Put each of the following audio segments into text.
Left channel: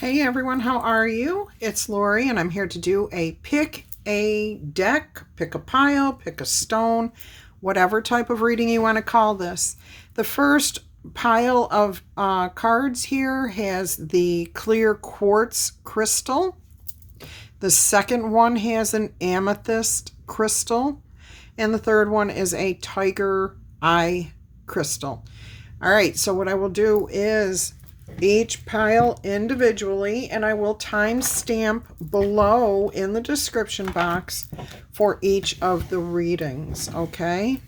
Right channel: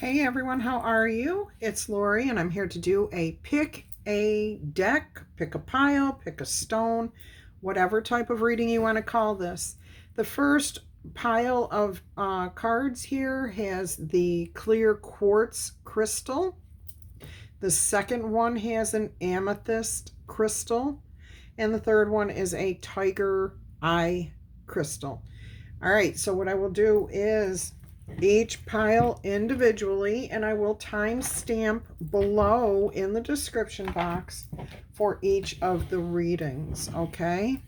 Hey everyone, how are you? It's Laurie and I'm here to do a pick a deck, pick a pile, pick a stone, whatever type of reading you want to call this. The first pile of cards here has the clear quartz crystal. The second one has an amethyst crystal. And the third one is a tiger eye crystal. All right, so what I will do is each pile individually, and I will timestamp below in the description box for each of the readings, okay?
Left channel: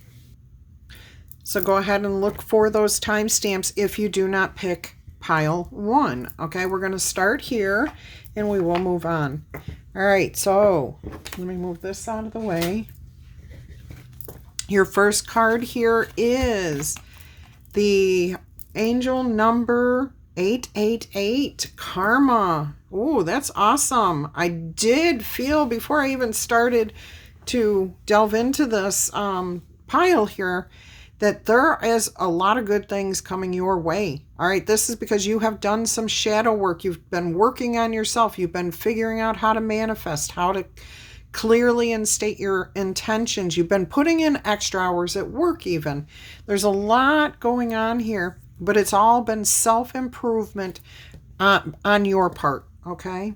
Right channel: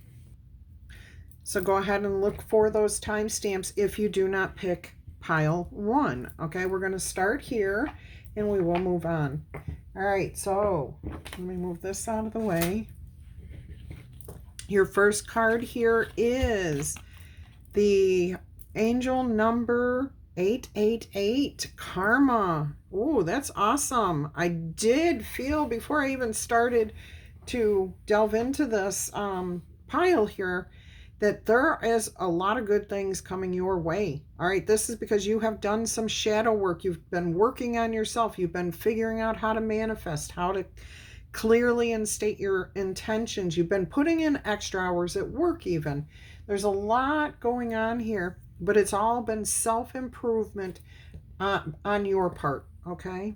So go ahead and look for those timestamps if you do not pick pile 1, okay? We're going to start here, and we will move on. All right, so let me move this out of the way. Your first card here is the angel number 888, Karma. Oh, that's awesome. I did feel before I even started to delve into this pile here that there is a lot of good things coming your way. All right, this is because you have done some shadow work. You've been working on yourself. You've been figuring out how to manifest, how to clearly and state your intentions. You've been putting in extra hours at work even. There's a lot going on here, but it's all been self-improvement on your part, okay?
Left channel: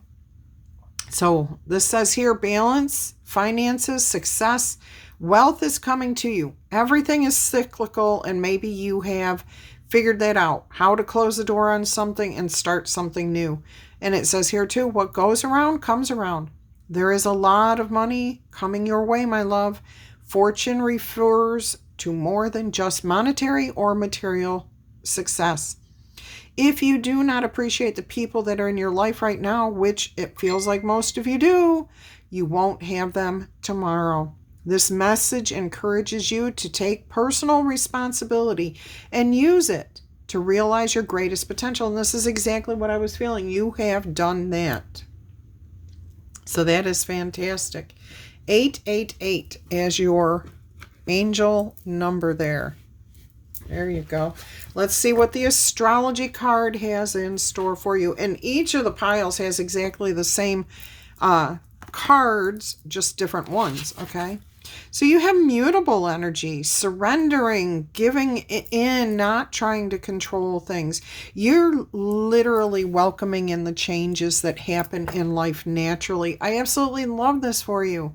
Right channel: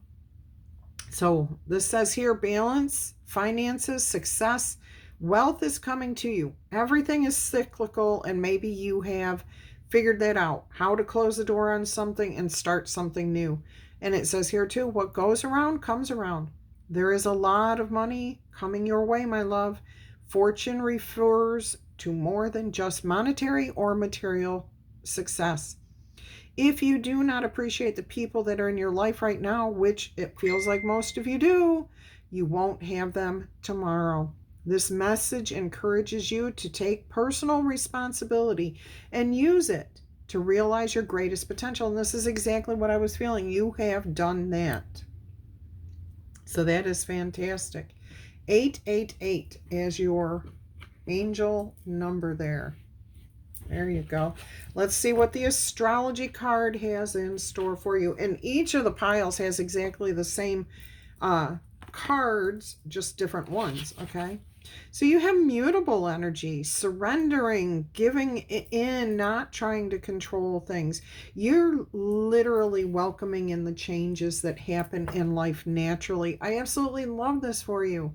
So this says here, balance, finances, success, wealth is coming to you. Everything is cyclical, and maybe you have figured that out, how to close the door on something and start something new. And it says here too, what goes around comes around. There is a lot of money coming your way, my love. Fortune refers to more than just monetary or material success. If you do not appreciate the people that are in your life right now, which it feels like most of you do, you won't have them tomorrow. This message encourages you to take personal responsibility and use it to realize your greatest potential. And this is exactly what I was feeling. You have done that. So that is fantastic. 888 as your angel number there. There you go. Let's see what the astrology card has in store for you. And each of the piles has exactly the same cards, just different ones, okay? So you have mutable energy, surrendering, giving in, not trying to control things. You're literally welcoming in the changes that happen in life naturally. I absolutely love this for you.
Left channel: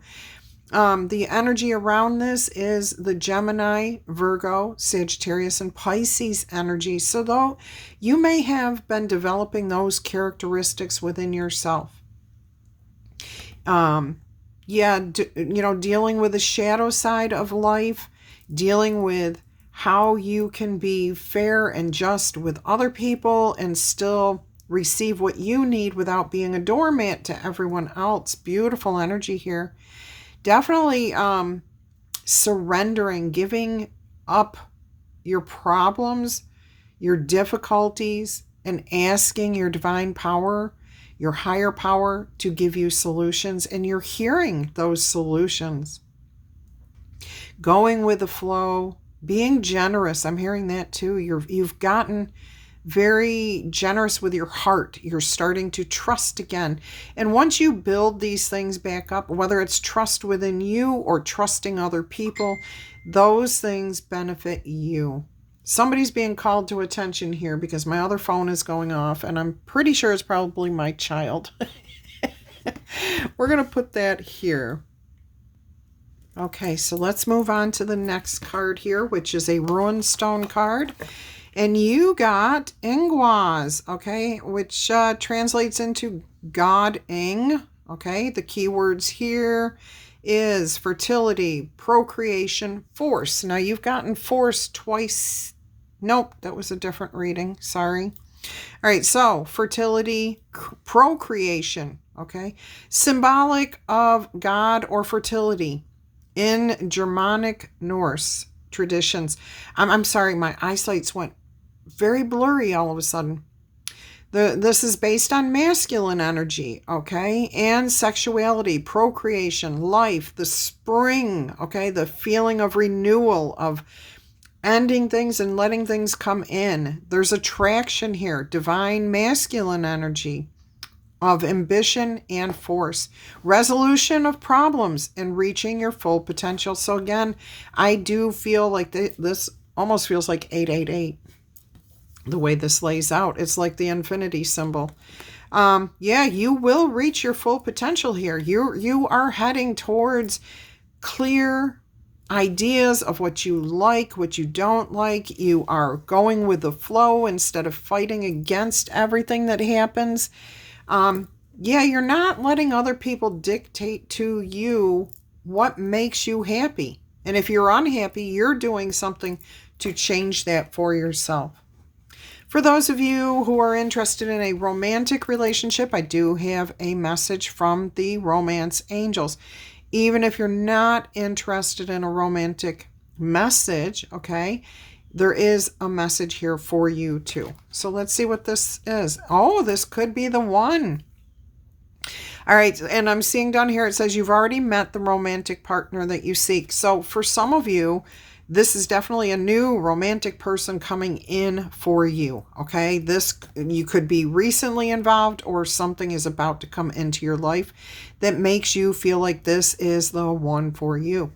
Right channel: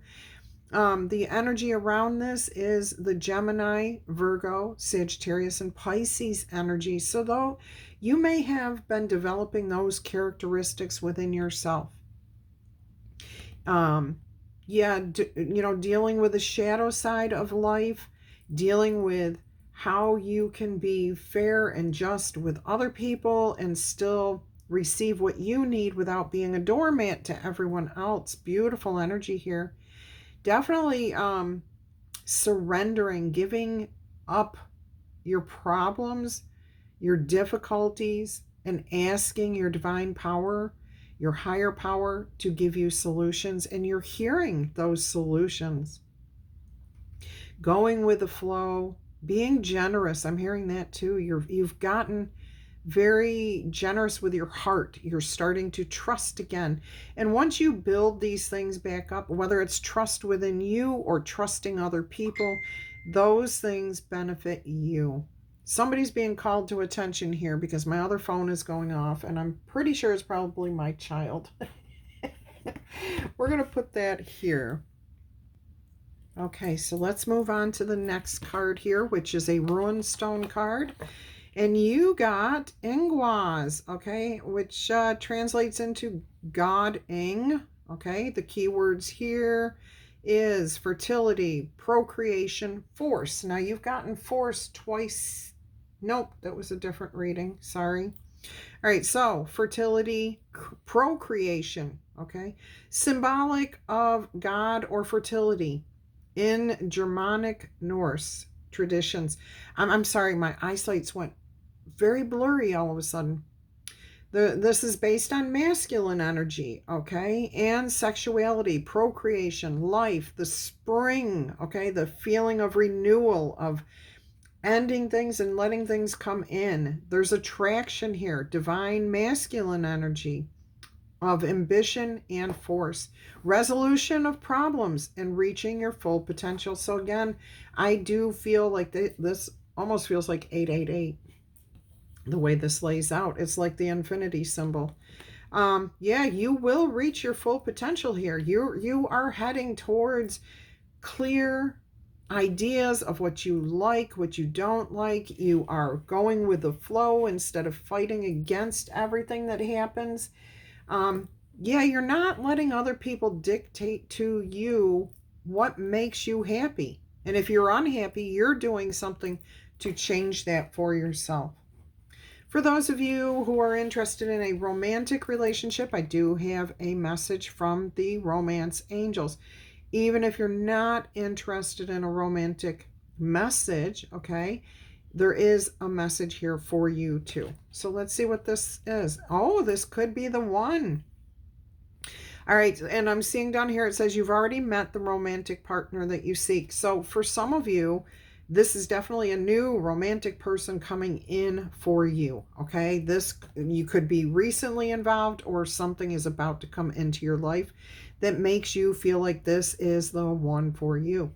The energy around this is the Gemini, Virgo, Sagittarius, and Pisces energy. So though you may have been developing those characteristics within yourself. Dealing with the shadow side of life, dealing with how you can be fair and just with other people and still receive what you need without being a doormat to everyone else. Beautiful energy here. Definitely surrendering, giving up your problems, your difficulties, and asking your divine power, your higher power, to give you solutions, and you're hearing those solutions. Going with the flow, being generous. I'm hearing that too. You've gotten very generous with your heart. You're starting to trust again. And once you build these things back up, whether it's trust within you or trusting other people, those things benefit you. Somebody's being called to attention here because my other phone is going off, and I'm pretty sure it's probably my child. We're going to put that here. Okay, so let's move on to the next card here, which is a Ruin Stone card. And you got Ingwaz, okay, which translates into God Ing, okay? The keywords here is fertility, procreation, force. Now, you've gotten force twice. Nope, that was a different reading. Sorry. All right, so fertility, procreation, okay? Symbolic of God or fertility in Germanic Norse traditions. I'm sorry, my eyesight's went very blurry all of a sudden. This is based on masculine energy, okay, and sexuality, procreation, life, the spring, okay, the feeling of renewal, of ending things and letting things come in. There's attraction here, divine masculine energy. of ambition and force, resolution of problems, and reaching your full potential. So again, I do feel like this almost feels like 888, the way this lays out. It's like the infinity symbol. Yeah, you will reach your full potential here. You are heading towards clear ideas of what you like, what you don't like. You are going with the flow instead of fighting against everything that happens. Yeah, you're not letting other people dictate to you what makes you happy. And if you're unhappy, you're doing something to change that for yourself. For those of you who are interested in a romantic relationship, I do have a message from the romance angels. Even if you're not interested in a romantic message, okay, there is a message here for you too. So let's see what this is. Oh, this could be the one. All right, and I'm seeing down here, it says you've already met the romantic partner that you seek. So for some of you, this is definitely a new romantic person coming in for you, okay? This, you could be recently involved, or something is about to come into your life that makes you feel like this is the one for you.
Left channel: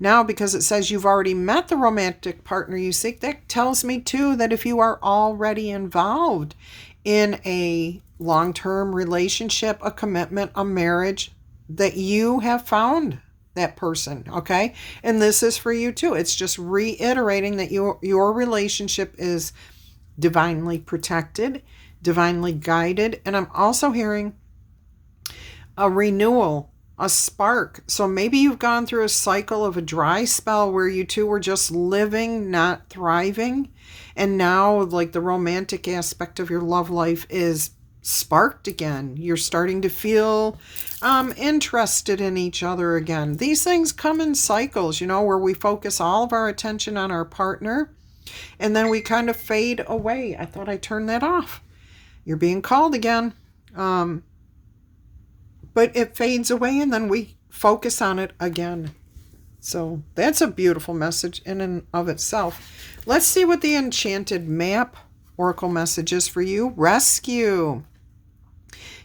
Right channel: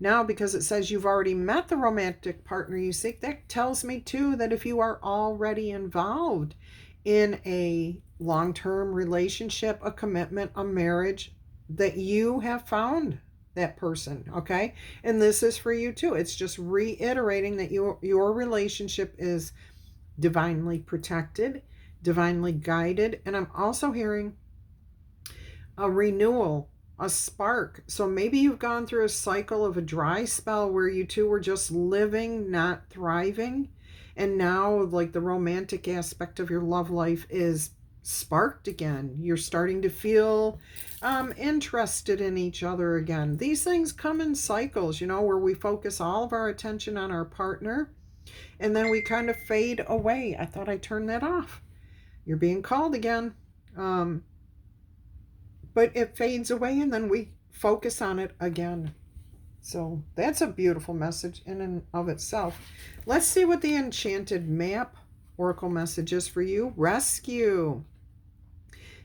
Now, because it says you've already met the romantic partner you seek, that tells me too that if you are already involved in a long-term relationship, a commitment, a marriage, that you have found that person, okay? And this is for you too. It's just reiterating that your relationship is divinely protected, divinely guided. And I'm also hearing a renewal, a spark. So maybe you've gone through a cycle of a dry spell where you two were just living, not thriving. And now, like, the romantic aspect of your love life is sparked again. You're starting to feel interested in each other again. These things come in cycles, where we focus all of our attention on our partner and then we kind of fade away. I thought I turned that off. You're being called again. But it fades away and then we focus on it again. So that's a beautiful message in and of itself. Let's see what the Enchanted Map Oracle message is for you. Rescue.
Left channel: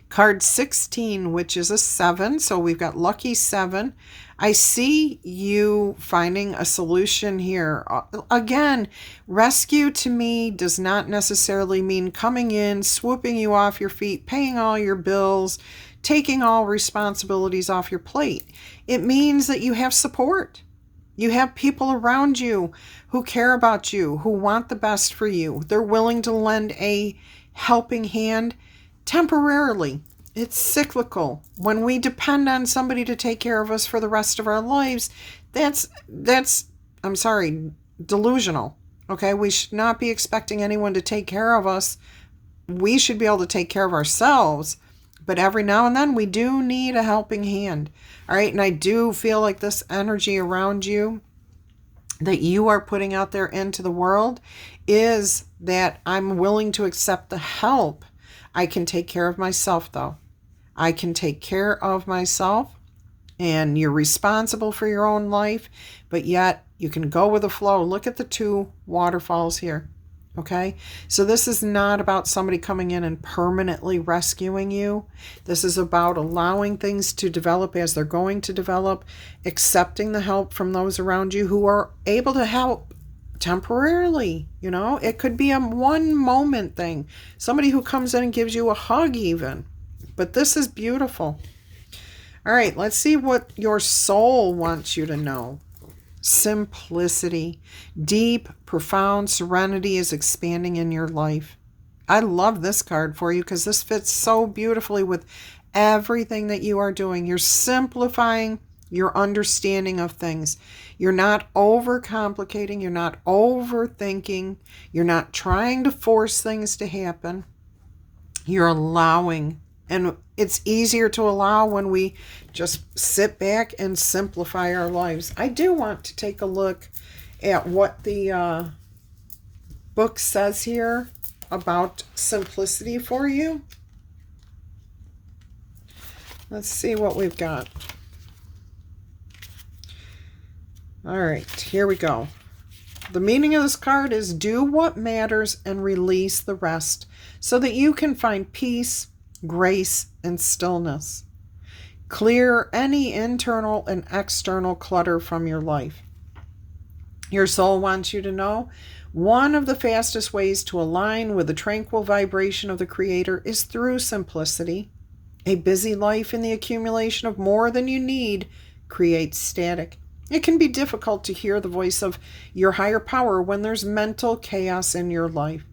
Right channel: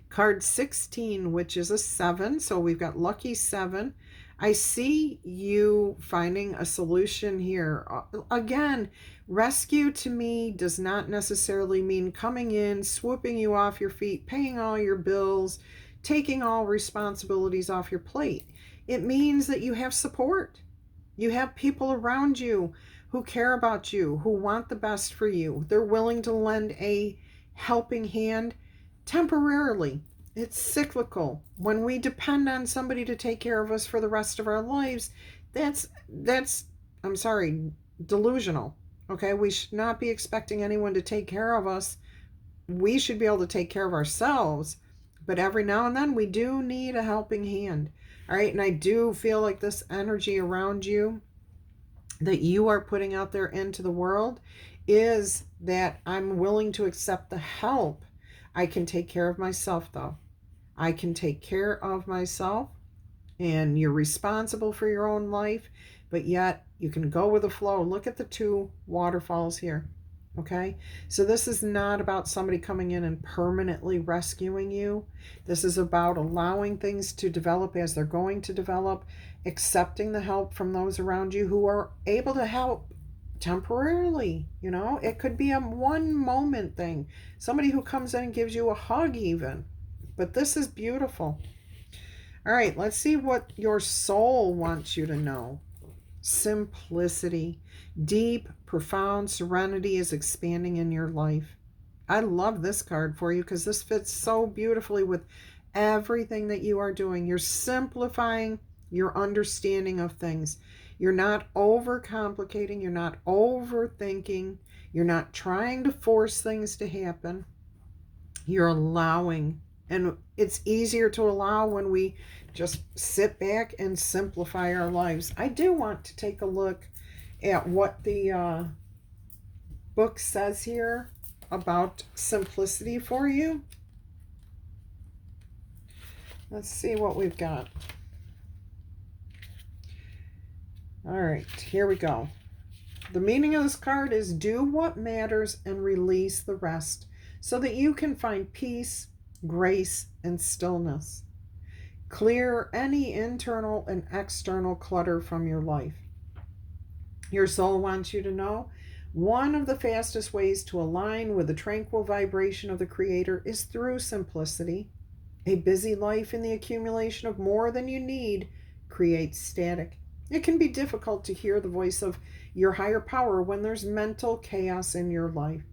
Card 16, which is a 7. So we've got lucky 7. I see you finding a solution here. Again, rescue to me does not necessarily mean coming in, swooping you off your feet, paying all your bills, taking all responsibilities off your plate. It means that you have support. You have people around you who care about you, who want the best for you. They're willing to lend a helping hand temporarily. It's cyclical. When we depend on somebody to take care of us for the rest of our lives, that's I'm sorry, delusional. Okay, we should not be expecting anyone to take care of us. We should be able to take care of ourselves, but every now and then we do need a helping hand. All right, and I do feel like this energy around you that you are putting out there into the world is that I'm willing to accept the help. I can take care of myself, though. I can take care of myself, and you're responsible for your own life, but yet you can go with the flow. Look at the 2 waterfalls here, okay? So this is not about somebody coming in and permanently rescuing you. This is about allowing things to develop as they're going to develop, accepting the help from those around you who are able to help temporarily. It could be a one moment thing. Somebody who comes in and gives you a hug even. But this is beautiful. All right, let's see what your soul wants you to know. Simplicity. Deep, profound serenity is expanding in your life. I love this card for you because this fits so beautifully with everything that you are doing. You're simplifying your understanding of things. You're not overcomplicating. You're not overthinking. You're not trying to force things to happen. You're allowing. And it's easier to allow when we just sit back and simplify our lives. I do want to take a look at what the book says here about simplicity for you. Let's see what we've got. All right, here we go. The meaning of this card is do what matters and release the rest so that you can find peace, grace, and stillness. Clear any internal and external clutter from your life. Your soul wants you to know one of the fastest ways to align with the tranquil vibration of the Creator is through simplicity. A busy life in the accumulation of more than you need creates static. It can be difficult to hear the voice of your higher power when there's mental chaos in your life.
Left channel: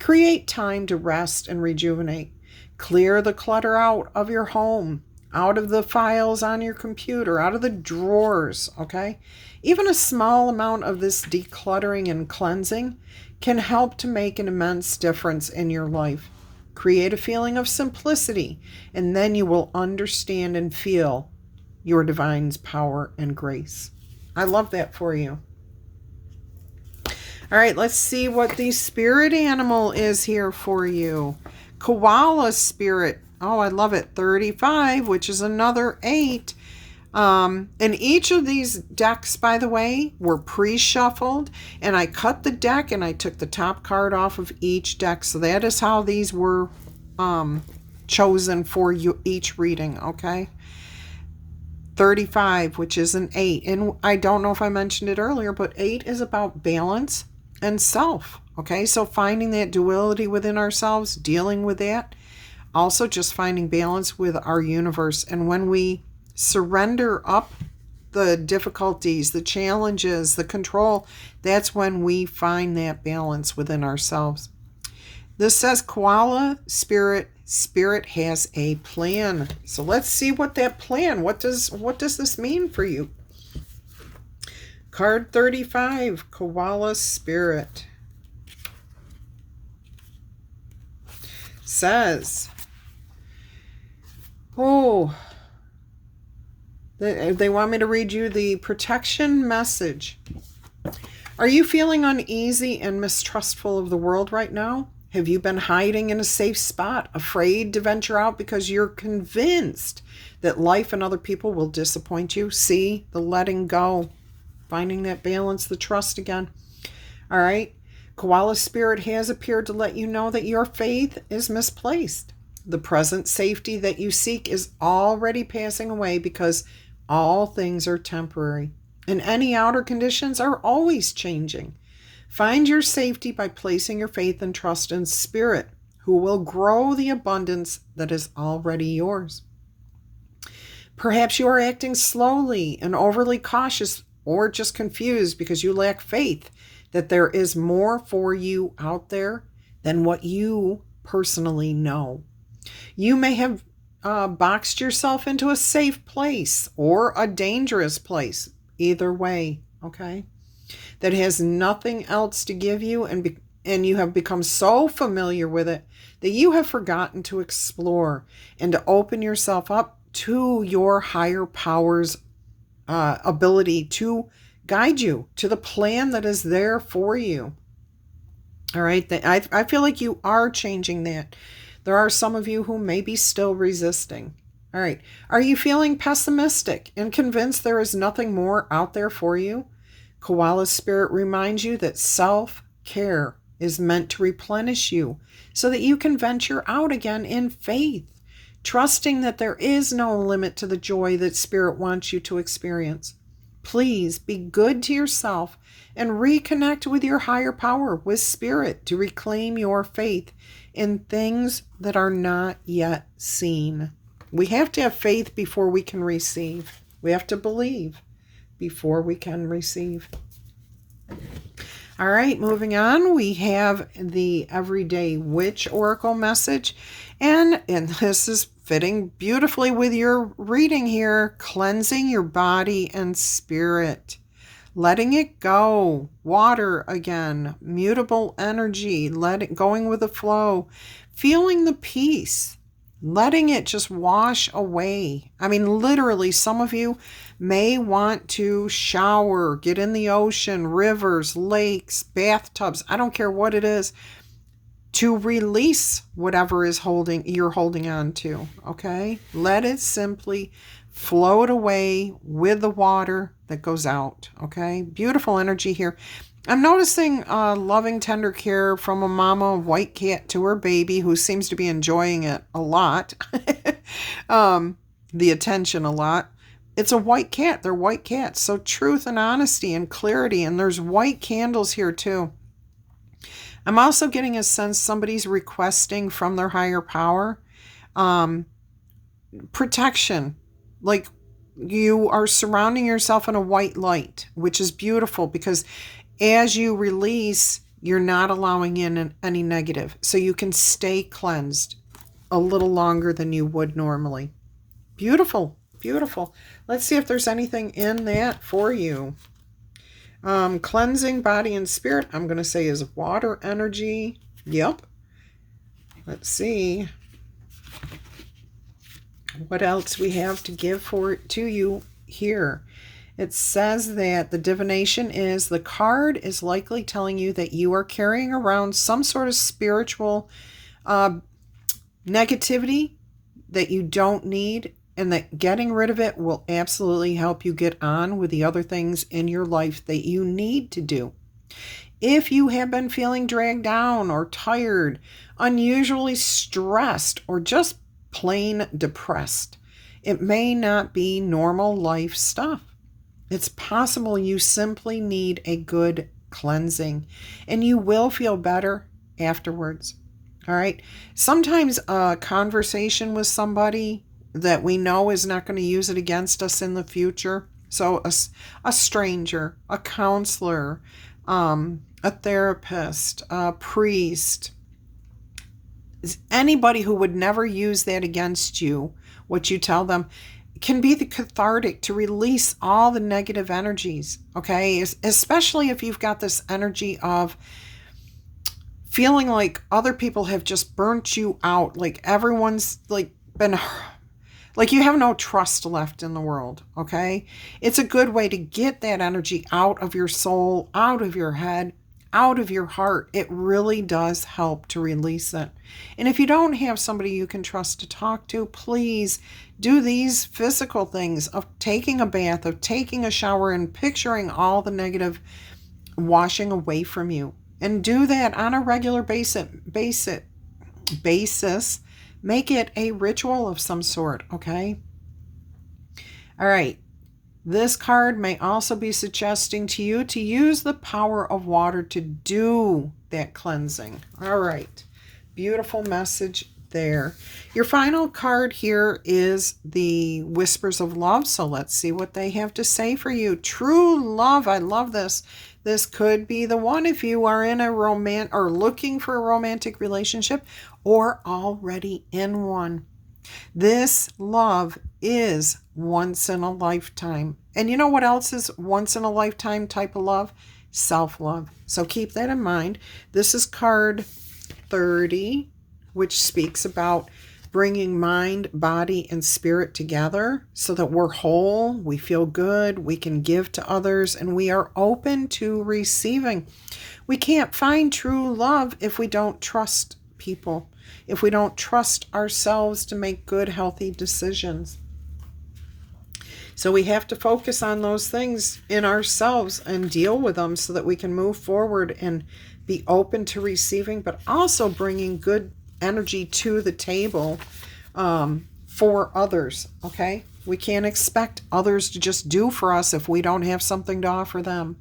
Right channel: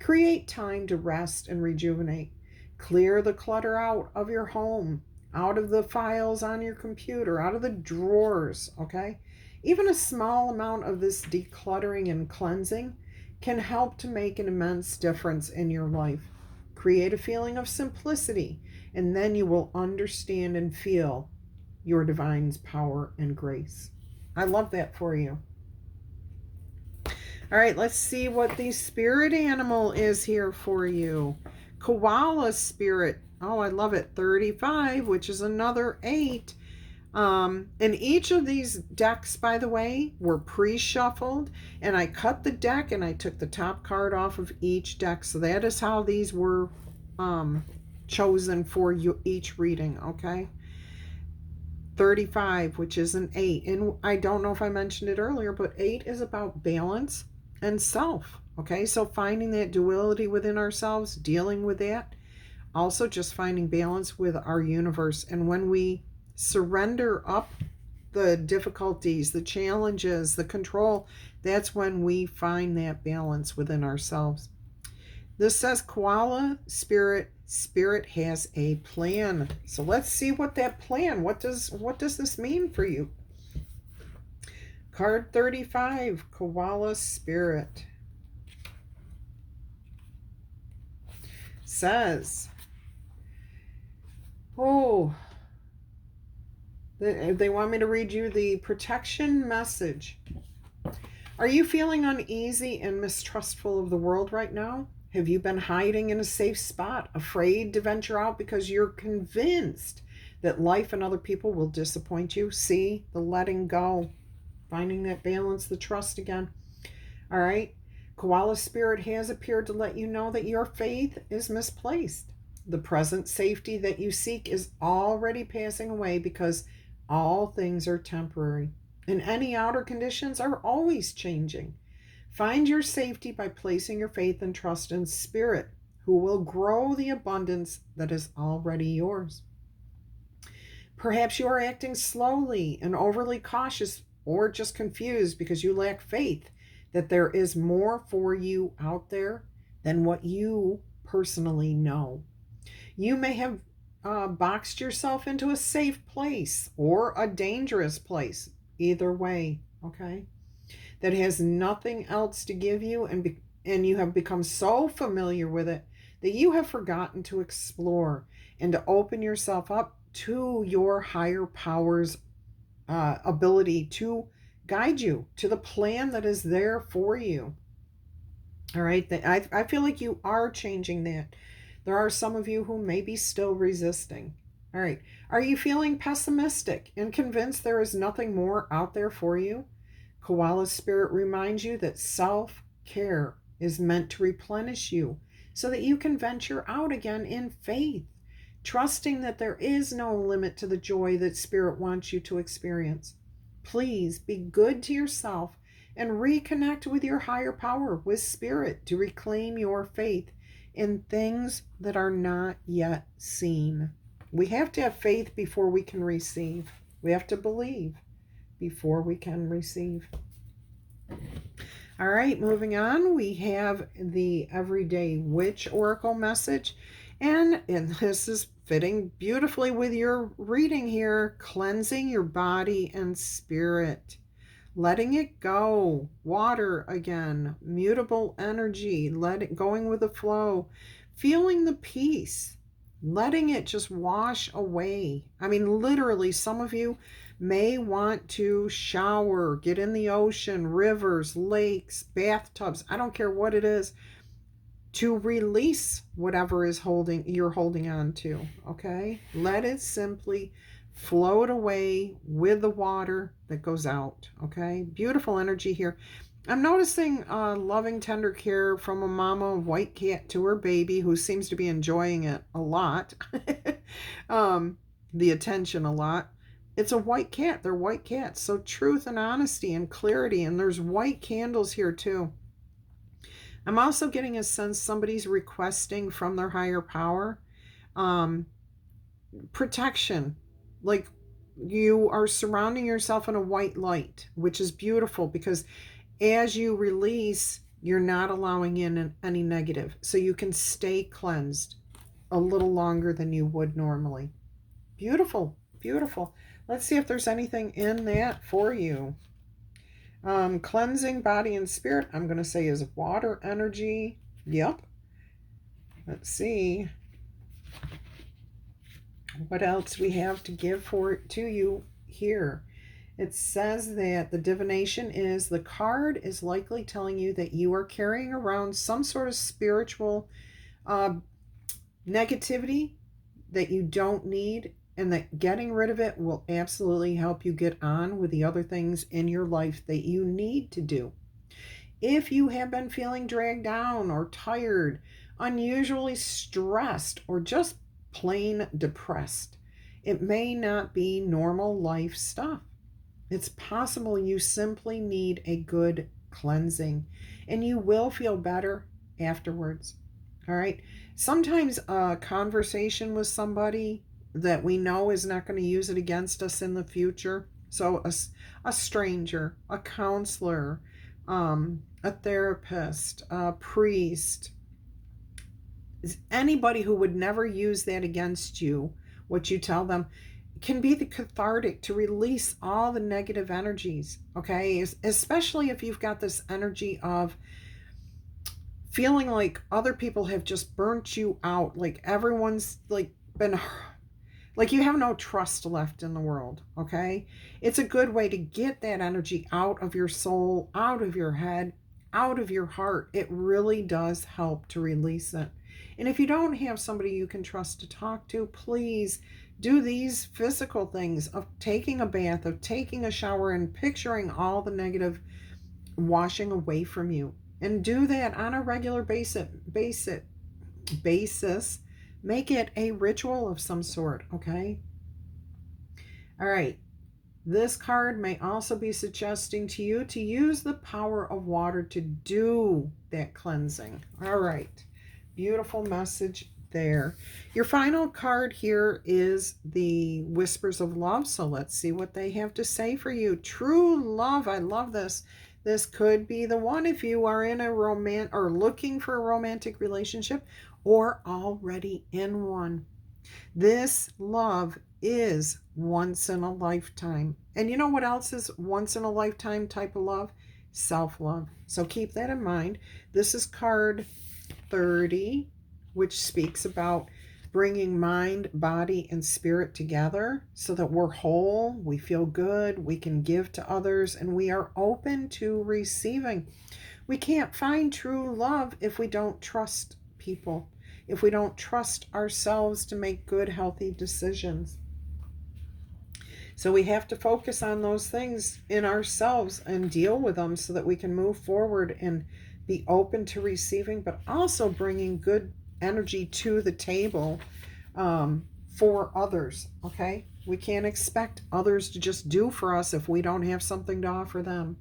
Create time to rest and rejuvenate. Clear the clutter out of your home, out of the files on your computer, out of the drawers, okay? Even a small amount of this decluttering and cleansing can help to make an immense difference in your life. Create a feeling of simplicity, and then you will understand and feel your divine's power and grace. I love that for you. All right, let's see what the spirit animal is here for you. Koala spirit. Oh, I love it. 35, which is another 8. And each of these decks, by the way, were pre-shuffled, and I cut the deck and I took the top card off of each deck. So that is how these were chosen for you each reading, okay? 35, which is an 8. And I don't know if I mentioned it earlier, but 8 is about balance and self, okay? So finding that duality within ourselves, dealing with that. Also just finding balance with our universe. And when we surrender up the difficulties, the challenges, the control, that's when we find that balance within ourselves. This says koala spirit has a plan. So let's see what that plan, what does this mean for you? Card 35, koala spirit, says, they want me to read you the protection message. Are you feeling uneasy and mistrustful of the world right now? Have you been hiding in a safe spot, afraid to venture out because you're convinced that life and other people will disappoint you? See, the letting go, finding that balance, the trust again. All right. Koala spirit has appeared to let you know that your faith is misplaced. The present safety that you seek is already passing away because all things are temporary, and any outer conditions are always changing. Find your safety by placing your faith and trust in Spirit, who will grow the abundance that is already yours. Perhaps you are acting slowly and overly cautious, or just confused because you lack faith that there is more for you out there than what you personally know. You may have boxed yourself into a safe place or a dangerous place, either way, okay, that has nothing else to give you, and you have become so familiar with it that you have forgotten to explore and to open yourself up to your higher power's ability to guide you to the plan that is there for you. All right, I feel like you are changing that. There are some of you who may be still resisting. All right. Are you feeling pessimistic and convinced there is nothing more out there for you? Koala spirit reminds you that self-care is meant to replenish you so that you can venture out again in faith, trusting that there is no limit to the joy that Spirit wants you to experience. Please be good to yourself and reconnect with your higher power, with Spirit, to reclaim your faith in things that are not yet seen. We have to have faith before we can receive. We have to believe before we can receive. All right, moving on, we have the Everyday Witch Oracle message. And this is fitting beautifully with your reading here. Cleansing your body and spirit. Letting it go. Water again. Mutable energy. Going with the flow. Feeling the peace. Letting it just wash away. I mean, literally, some of you may want to shower, get in the ocean, rivers, lakes, bathtubs. I don't care what it is, to release whatever is you're holding on to, okay? Let it simply float away with the water that goes out, okay? Beautiful energy here. I'm noticing loving, tender care from a mama white cat to her baby who seems to be enjoying it a lot. The attention a lot. It's a white cat. They're white cats. So truth and honesty and clarity. And there's white candles here too. I'm also getting a sense somebody's requesting from their higher power protection. Like you are surrounding yourself in a white light, which is beautiful because as you release, you're not allowing in any negative. So you can stay cleansed a little longer than you would normally. Beautiful, beautiful. Let's see if there's anything in that for you. Cleansing body and spirit, I'm going to say is water energy. Yep. Let's see what else we have to give to you here. It says that the divination is, the card is likely telling you that you are carrying around some sort of spiritual negativity that you don't need, and that getting rid of it will absolutely help you get on with the other things in your life that you need to do. If you have been feeling dragged down or tired, unusually stressed, or just plain depressed, it may not be normal life stuff. It's possible you simply need a good cleansing, and you will feel better afterwards. All right. Sometimes a conversation with somebody that we know is not going to use it against us in the future. So a stranger, a counselor, a therapist, a priest, anybody who would never use that against you, what you tell them, can be the cathartic to release all the negative energies, okay? Especially if you've got this energy of feeling like other people have just burnt you out, like everyone's like been, like you have no trust left in the world, okay? It's a good way to get that energy out of your soul, out of your head, out of your heart. It really does help to release it. And if you don't have somebody you can trust to talk to, please do these physical things of taking a bath, of taking a shower, and picturing all the negative washing away from you. And do that on a regular basis. Make it a ritual of some sort, okay? All right. This card may also be suggesting to you to use the power of water to do that cleansing. All right. Beautiful message there. Your final card here is the Whispers of Love. So let's see what they have to say for you. True love. I love this. This could be the one if you are in a or looking for a romantic relationship, or already in one. This love is once in a lifetime. And you know what else is once in a lifetime type of love? Self-love. So keep that in mind. This is card 30, which speaks about bringing mind, body, and spirit together so that we're whole, we feel good, we can give to others, and we are open to receiving. We can't find true love if we don't trust people, if we don't trust ourselves to make good, healthy decisions. So we have to focus on those things in ourselves and deal with them so that we can move forward and be open to receiving, but also bringing good energy to the table for others, okay? We can't expect others to just do for us if we don't have something to offer them.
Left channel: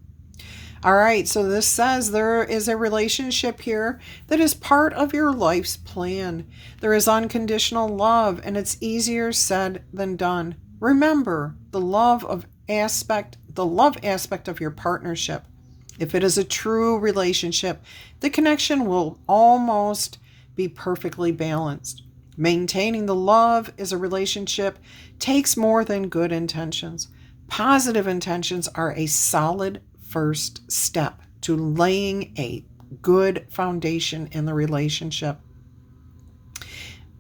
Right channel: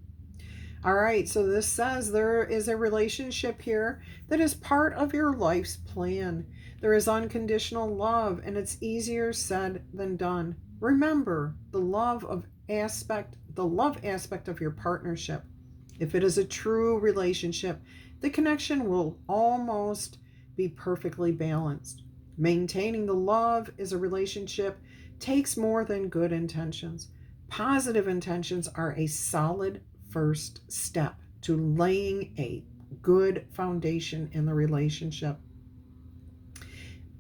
All right, so this says there is a relationship here that is part of your life's plan. There is unconditional love, and it's easier said than done. Remember the love aspect of your partnership. If it is a true relationship, the connection will almost be perfectly balanced. Maintaining the love is a relationship takes more than good intentions. Positive intentions are a solid first step to laying a good foundation in the relationship.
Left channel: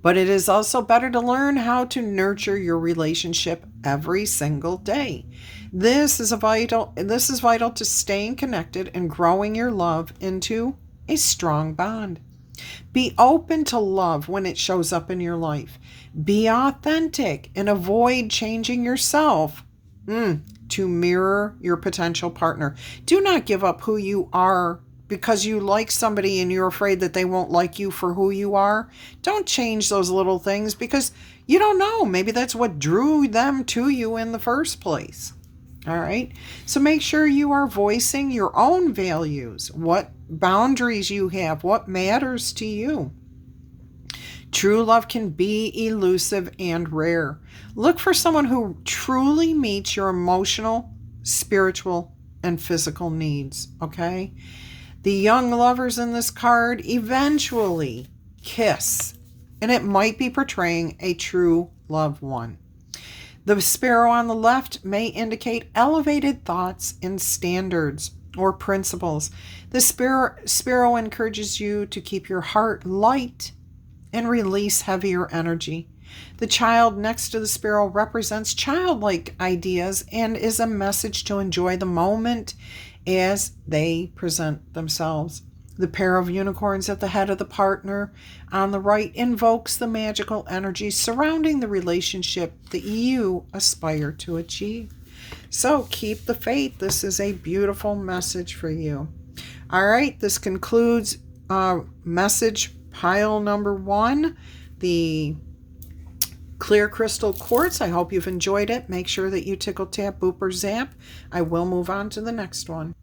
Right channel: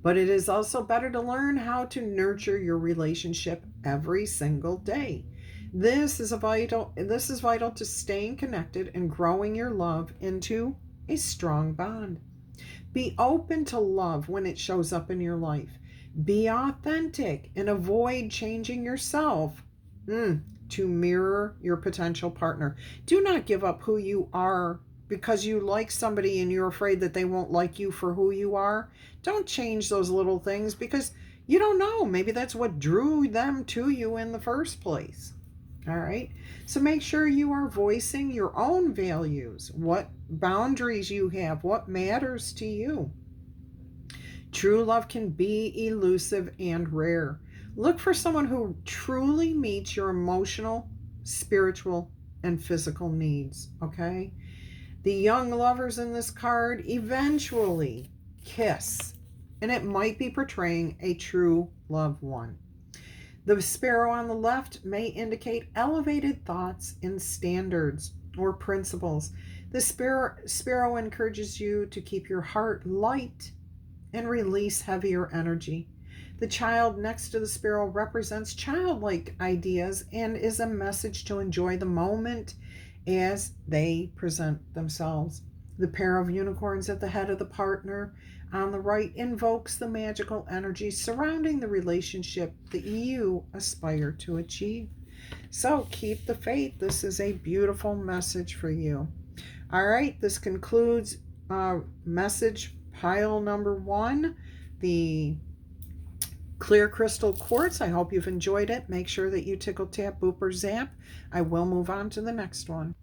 But it is also better to learn how to nurture your relationship every single day. This is vital to staying connected and growing your love into a strong bond. Be open to love when it shows up in your life. Be authentic and avoid changing yourself to mirror your potential partner. Do not give up who you are because you like somebody and you're afraid that they won't like you for who you are. Don't change those little things because you don't know. Maybe that's what drew them to you in the first place. All right. So make sure you are voicing your own values, what boundaries you have, what matters to you. True love can be elusive and rare. Look for someone who truly meets your emotional, spiritual, and physical needs, okay? The young lovers in this card eventually kiss, and it might be portraying a true loved one. The sparrow on the left may indicate elevated thoughts and standards or principles. The sparrow encourages you to keep your heart light and release heavier energy. The child next to the sparrow represents childlike ideas and is a message to enjoy the moment as they present themselves. The pair of unicorns at the head of the partner on the right invokes the magical energy surrounding the relationship that you aspire to achieve. So keep the faith. This is a beautiful message for you. All right, this concludes message pile number 1, the clear crystal quartz. I hope you've enjoyed it. Make sure that you tickle, tap, boop, or zap. I will move on to the next one.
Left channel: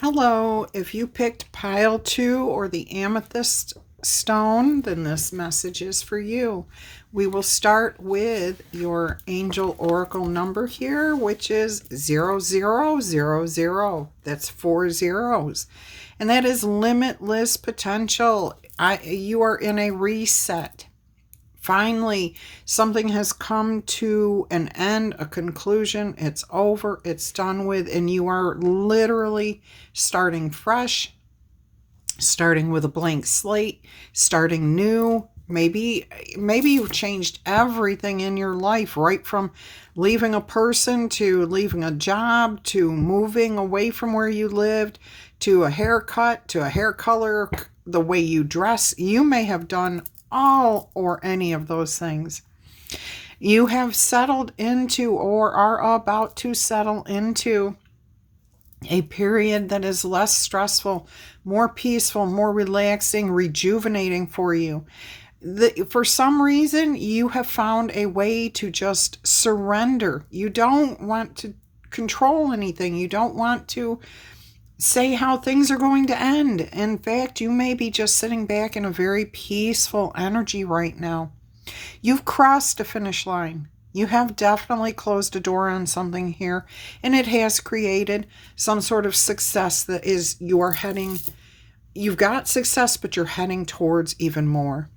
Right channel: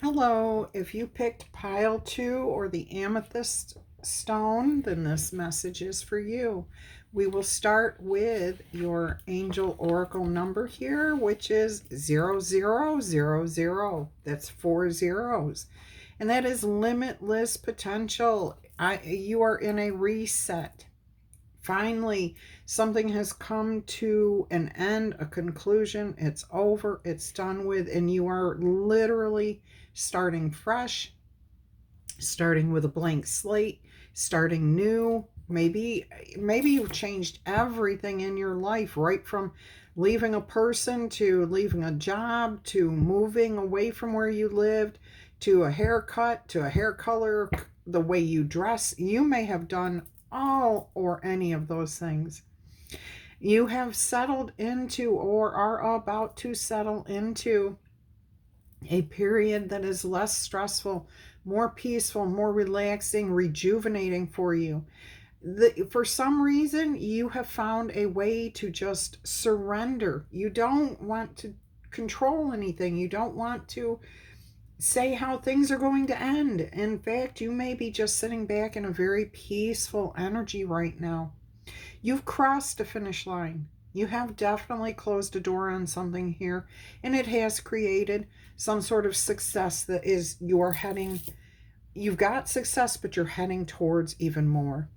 Hello, if you picked pile 2 or the amethyst stone, then this message is for you. We will start with your angel oracle number here, which is 0000. That's 4 zeros. And that is limitless potential. You are in a reset. Finally, something has come to an end, a conclusion. It's over, it's done with, and you are literally starting fresh, starting with a blank slate, starting new. Maybe you've changed everything in your life, right from leaving a person to leaving a job to moving away from where you lived to a haircut to a hair color, the way you dress. You may have done all or any of those things. You have settled into or are about to settle into a period that is less stressful, more peaceful, more relaxing, rejuvenating for you. For some reason, you have found a way to just surrender. You don't want to control anything. You don't want to say how things are going to end. In fact, you may be just sitting back in a very peaceful energy right now. You've crossed a finish line. You have definitely closed a door on something here, and it has created some sort of success that is you're heading. You've got success, but you're heading towards even more.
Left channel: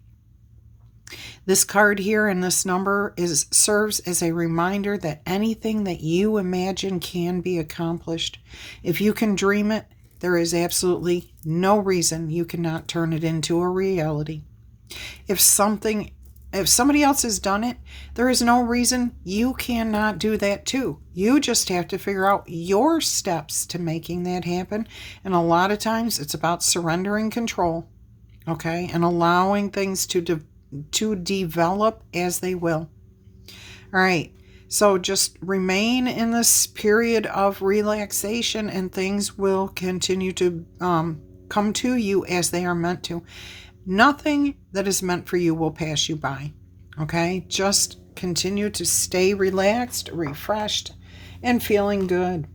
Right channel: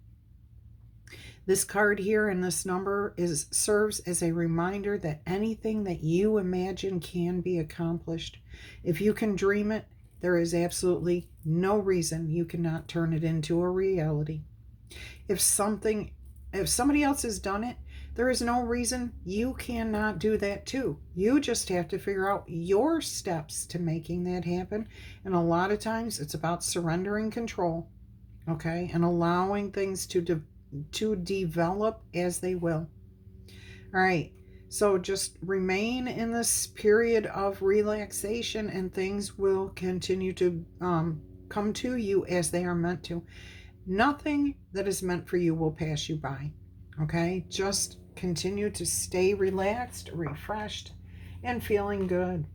This card here and this number serves as a reminder that anything that you imagine can be accomplished. If you can dream it, there is absolutely no reason you cannot turn it into a reality. If somebody else has done it, there is no reason you cannot do that too. You just have to figure out your steps to making that happen. And a lot of times it's about surrendering control, okay, and allowing things to develop as they will. All right, so just remain in this period of relaxation and things will continue to come to you as they are meant to. Nothing that is meant for you will pass you by, okay? Just continue to stay relaxed, refreshed, and feeling good.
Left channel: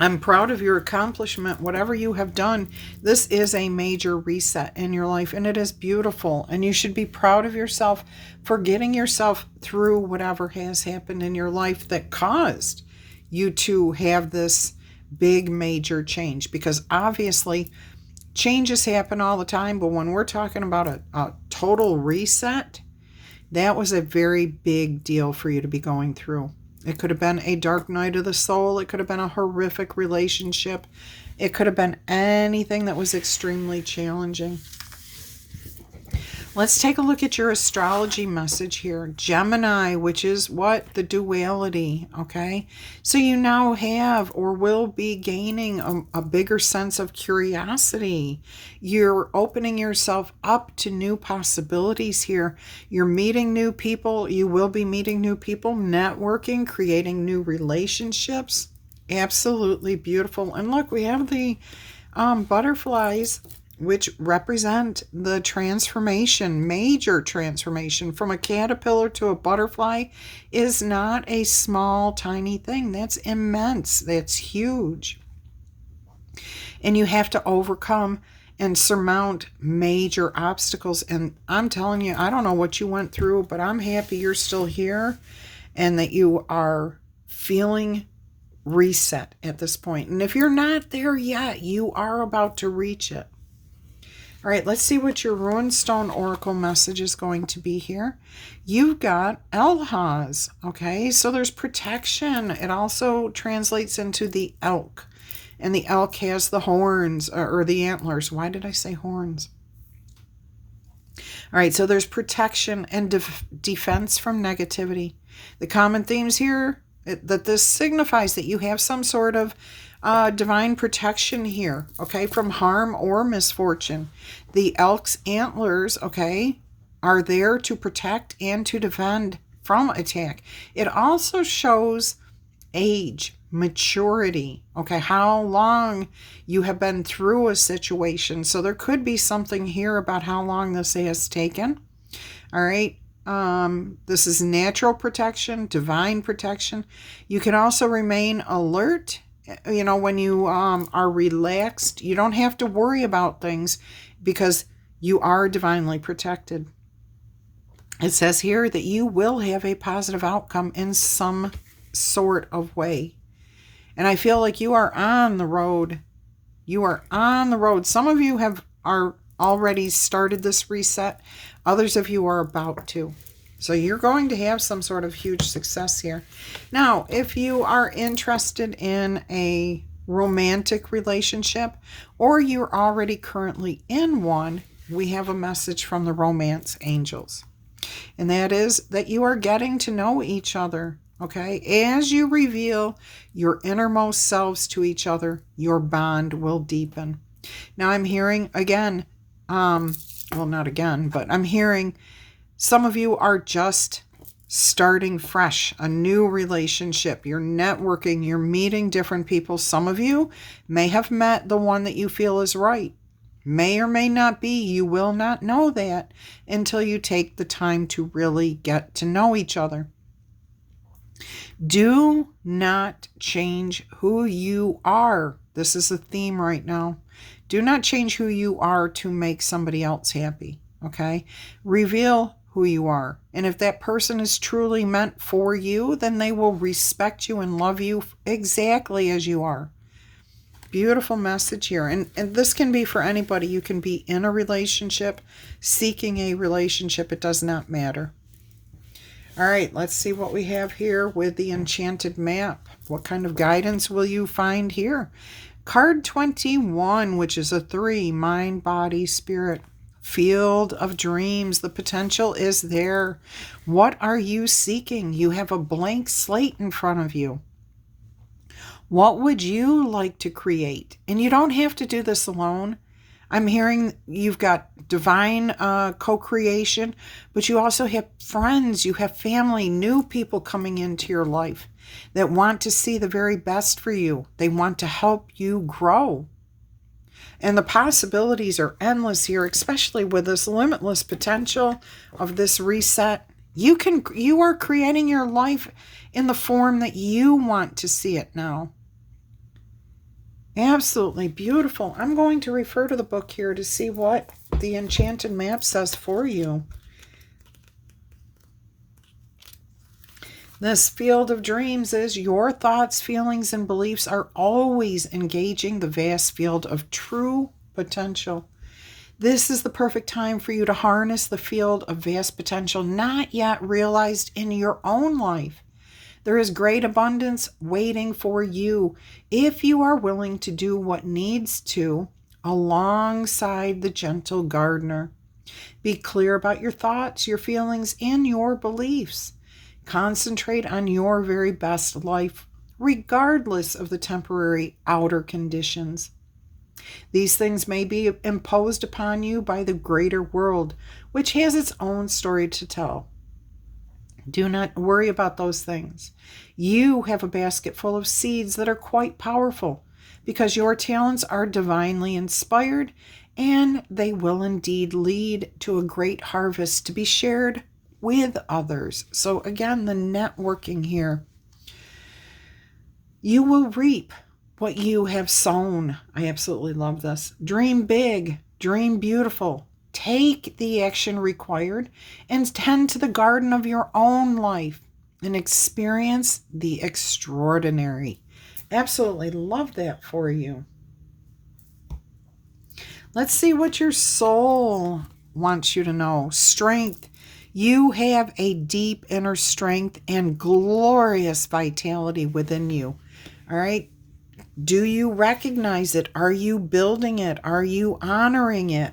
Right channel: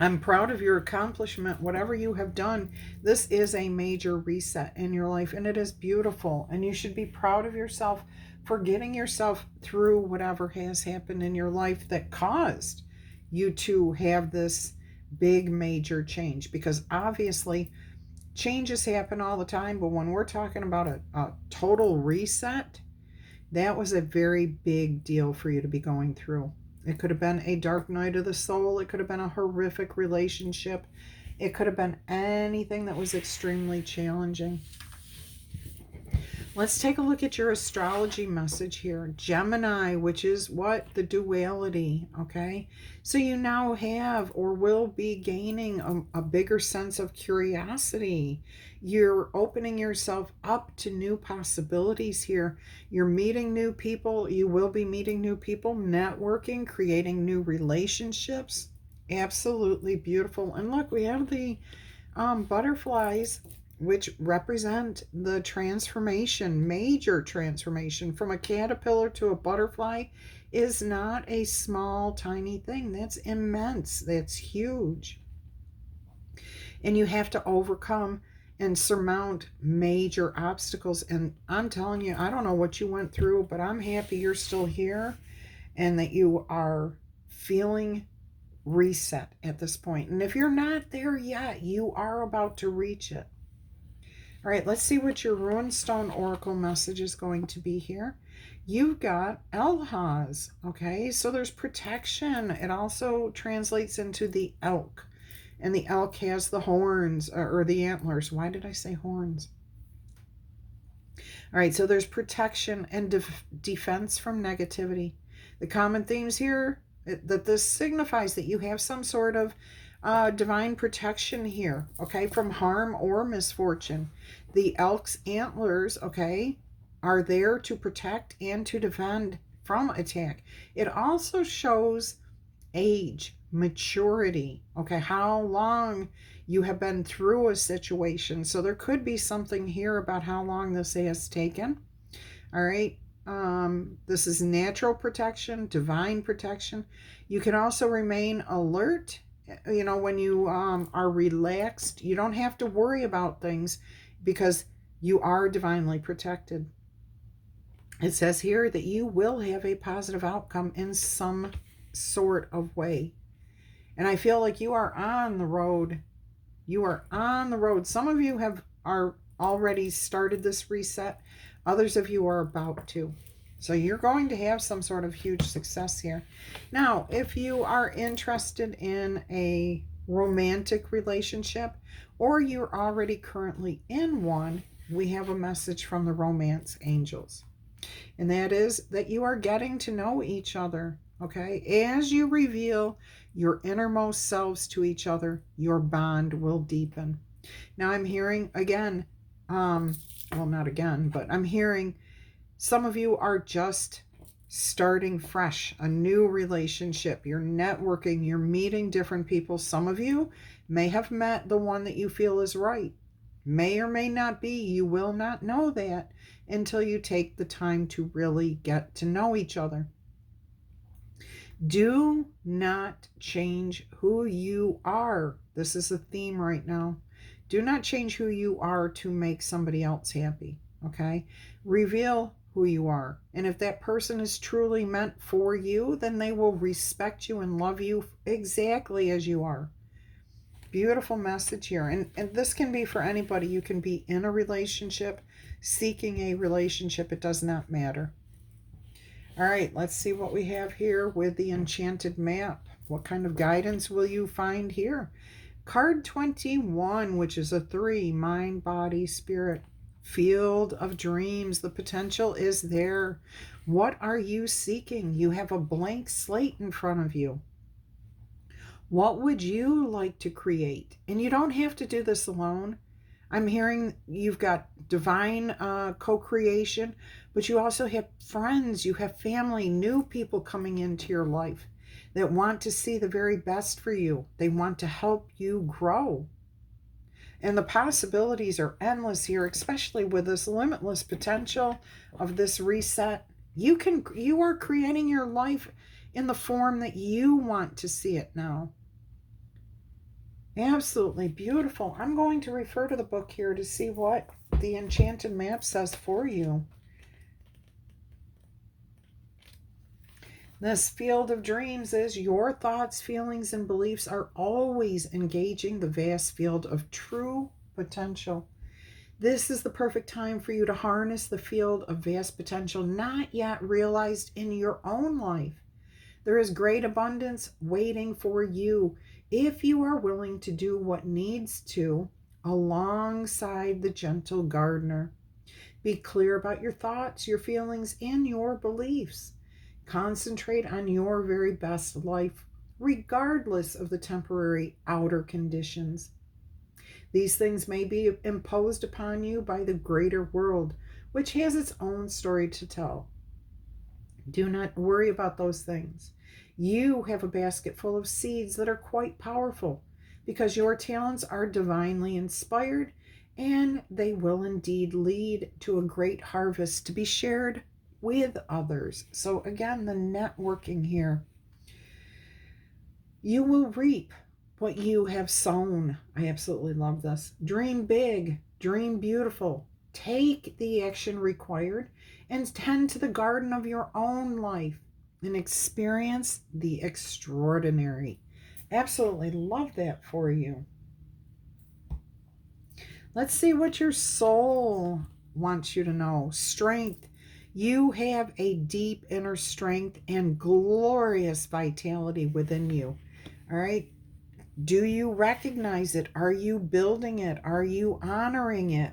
I'm proud of your accomplishment. Whatever you have done, this is a major reset in your life, and it is beautiful. And you should be proud of yourself for getting yourself through whatever has happened in your life that caused you to have this big major change. Because obviously, changes happen all the time, but when we're talking about a total reset, that was a very big deal for you to be going through. It could have been a dark night of the soul. It could have been a horrific relationship. It could have been anything that was extremely challenging. Let's take a look at your astrology message here. Gemini, which is what? The duality, okay? So you now have or will be gaining a bigger sense of curiosity. You're opening yourself up to new possibilities here. You're meeting new people. You will be meeting new people, networking, creating new relationships. Absolutely beautiful. And look, we have the butterflies, which represent the transformation, major transformation from a caterpillar to a butterfly is not a small, tiny thing. That's immense. That's huge. And you have to overcome and surmount major obstacles. And I'm telling you, I don't know what you went through, but I'm happy you're still here and that you are feeling reset at this point. And if you're not there yet, you are about to reach it. All right, let's see what your Runestone Oracle message is going to be here. You've got Elhaz, okay? So there's protection. It also translates into the elk. And the elk has the horns, or the antlers. Why did I say horns? All right, so there's protection and defense from negativity. The common themes here, that this signifies that you have some sort of divine protection here, okay, from harm or misfortune. The elk's antlers, okay, are there to protect and to defend from attack. It also shows age, maturity, okay, how long you have been through a situation. So there could be something here about how long this has taken. All right. This is natural protection, divine protection. You can also remain alert. You know, when you are relaxed, you don't have to worry about things because you are divinely protected. It says here that you will have a positive outcome in some sort of way. And I feel like you are on the road. You are on the road. Some of you are already started this reset. Others of you are about to. So you're going to have some sort of huge success here. Now, if you are interested in a romantic relationship or you're already currently in one, we have a message from the romance angels. And that is that you are getting to know each other, okay? As you reveal your innermost selves to each other, your bond will deepen. Now I'm hearing again, well, not again, but I'm hearing some of you are just starting fresh, a new relationship. You're networking, you're meeting different people. Some of you may have met the one that you feel is right. May or may not be. You will not know that until you take the time to really get to know each other. Do not change who you are. This is a theme right now. Do not change who you are to make somebody else happy, okay? Reveal who you are. And if that person is truly meant for you, then they will respect you and love you exactly as you are. Beautiful message here. And this can be for anybody. You can be in a relationship, seeking a relationship. It does not matter. All right, let's see what we have here with the enchanted map. What kind of guidance will you find here? Card 21, which is a 3, mind, body, spirit. Field of dreams. The potential is there. What are you seeking? You have a blank slate in front of you. What would you like to create? And you don't have to do this alone. I'm hearing you've got divine co-creation, but you also have friends, you have family, new people coming into your life that want to see the very best for you. They want to help you grow. And the possibilities are endless here, especially with this limitless potential of this reset. You are creating your life in the form that you want to see it now. Absolutely beautiful. I'm going to refer to the book here to see what the enchanted map says for you. This field of dreams is your thoughts, feelings, and beliefs are always engaging the vast field of true potential. This is the perfect time for you to harness the field of vast potential not yet realized in your own life. There is great abundance waiting for you if you are willing to do what needs to alongside the gentle gardener. Be clear about your thoughts, your feelings, and your beliefs. Concentrate on your very best life, regardless of the temporary outer conditions. These things may be imposed upon you by the greater world, which has its own story to tell. Do not worry about those things. You have a basket full of seeds that are quite powerful because your talents are divinely inspired and they will indeed lead to a great harvest to be shared with others. So again, the networking here. You will reap what you have sown. I absolutely love this. Dream big, dream beautiful. Take the action required and tend to the garden of your own life and experience the extraordinary. Absolutely love that for you. Let's see what your soul wants you to know. Strength. You have a deep inner strength and glorious vitality within you. All right. Do you recognize it? Are you building it? Are you honoring it?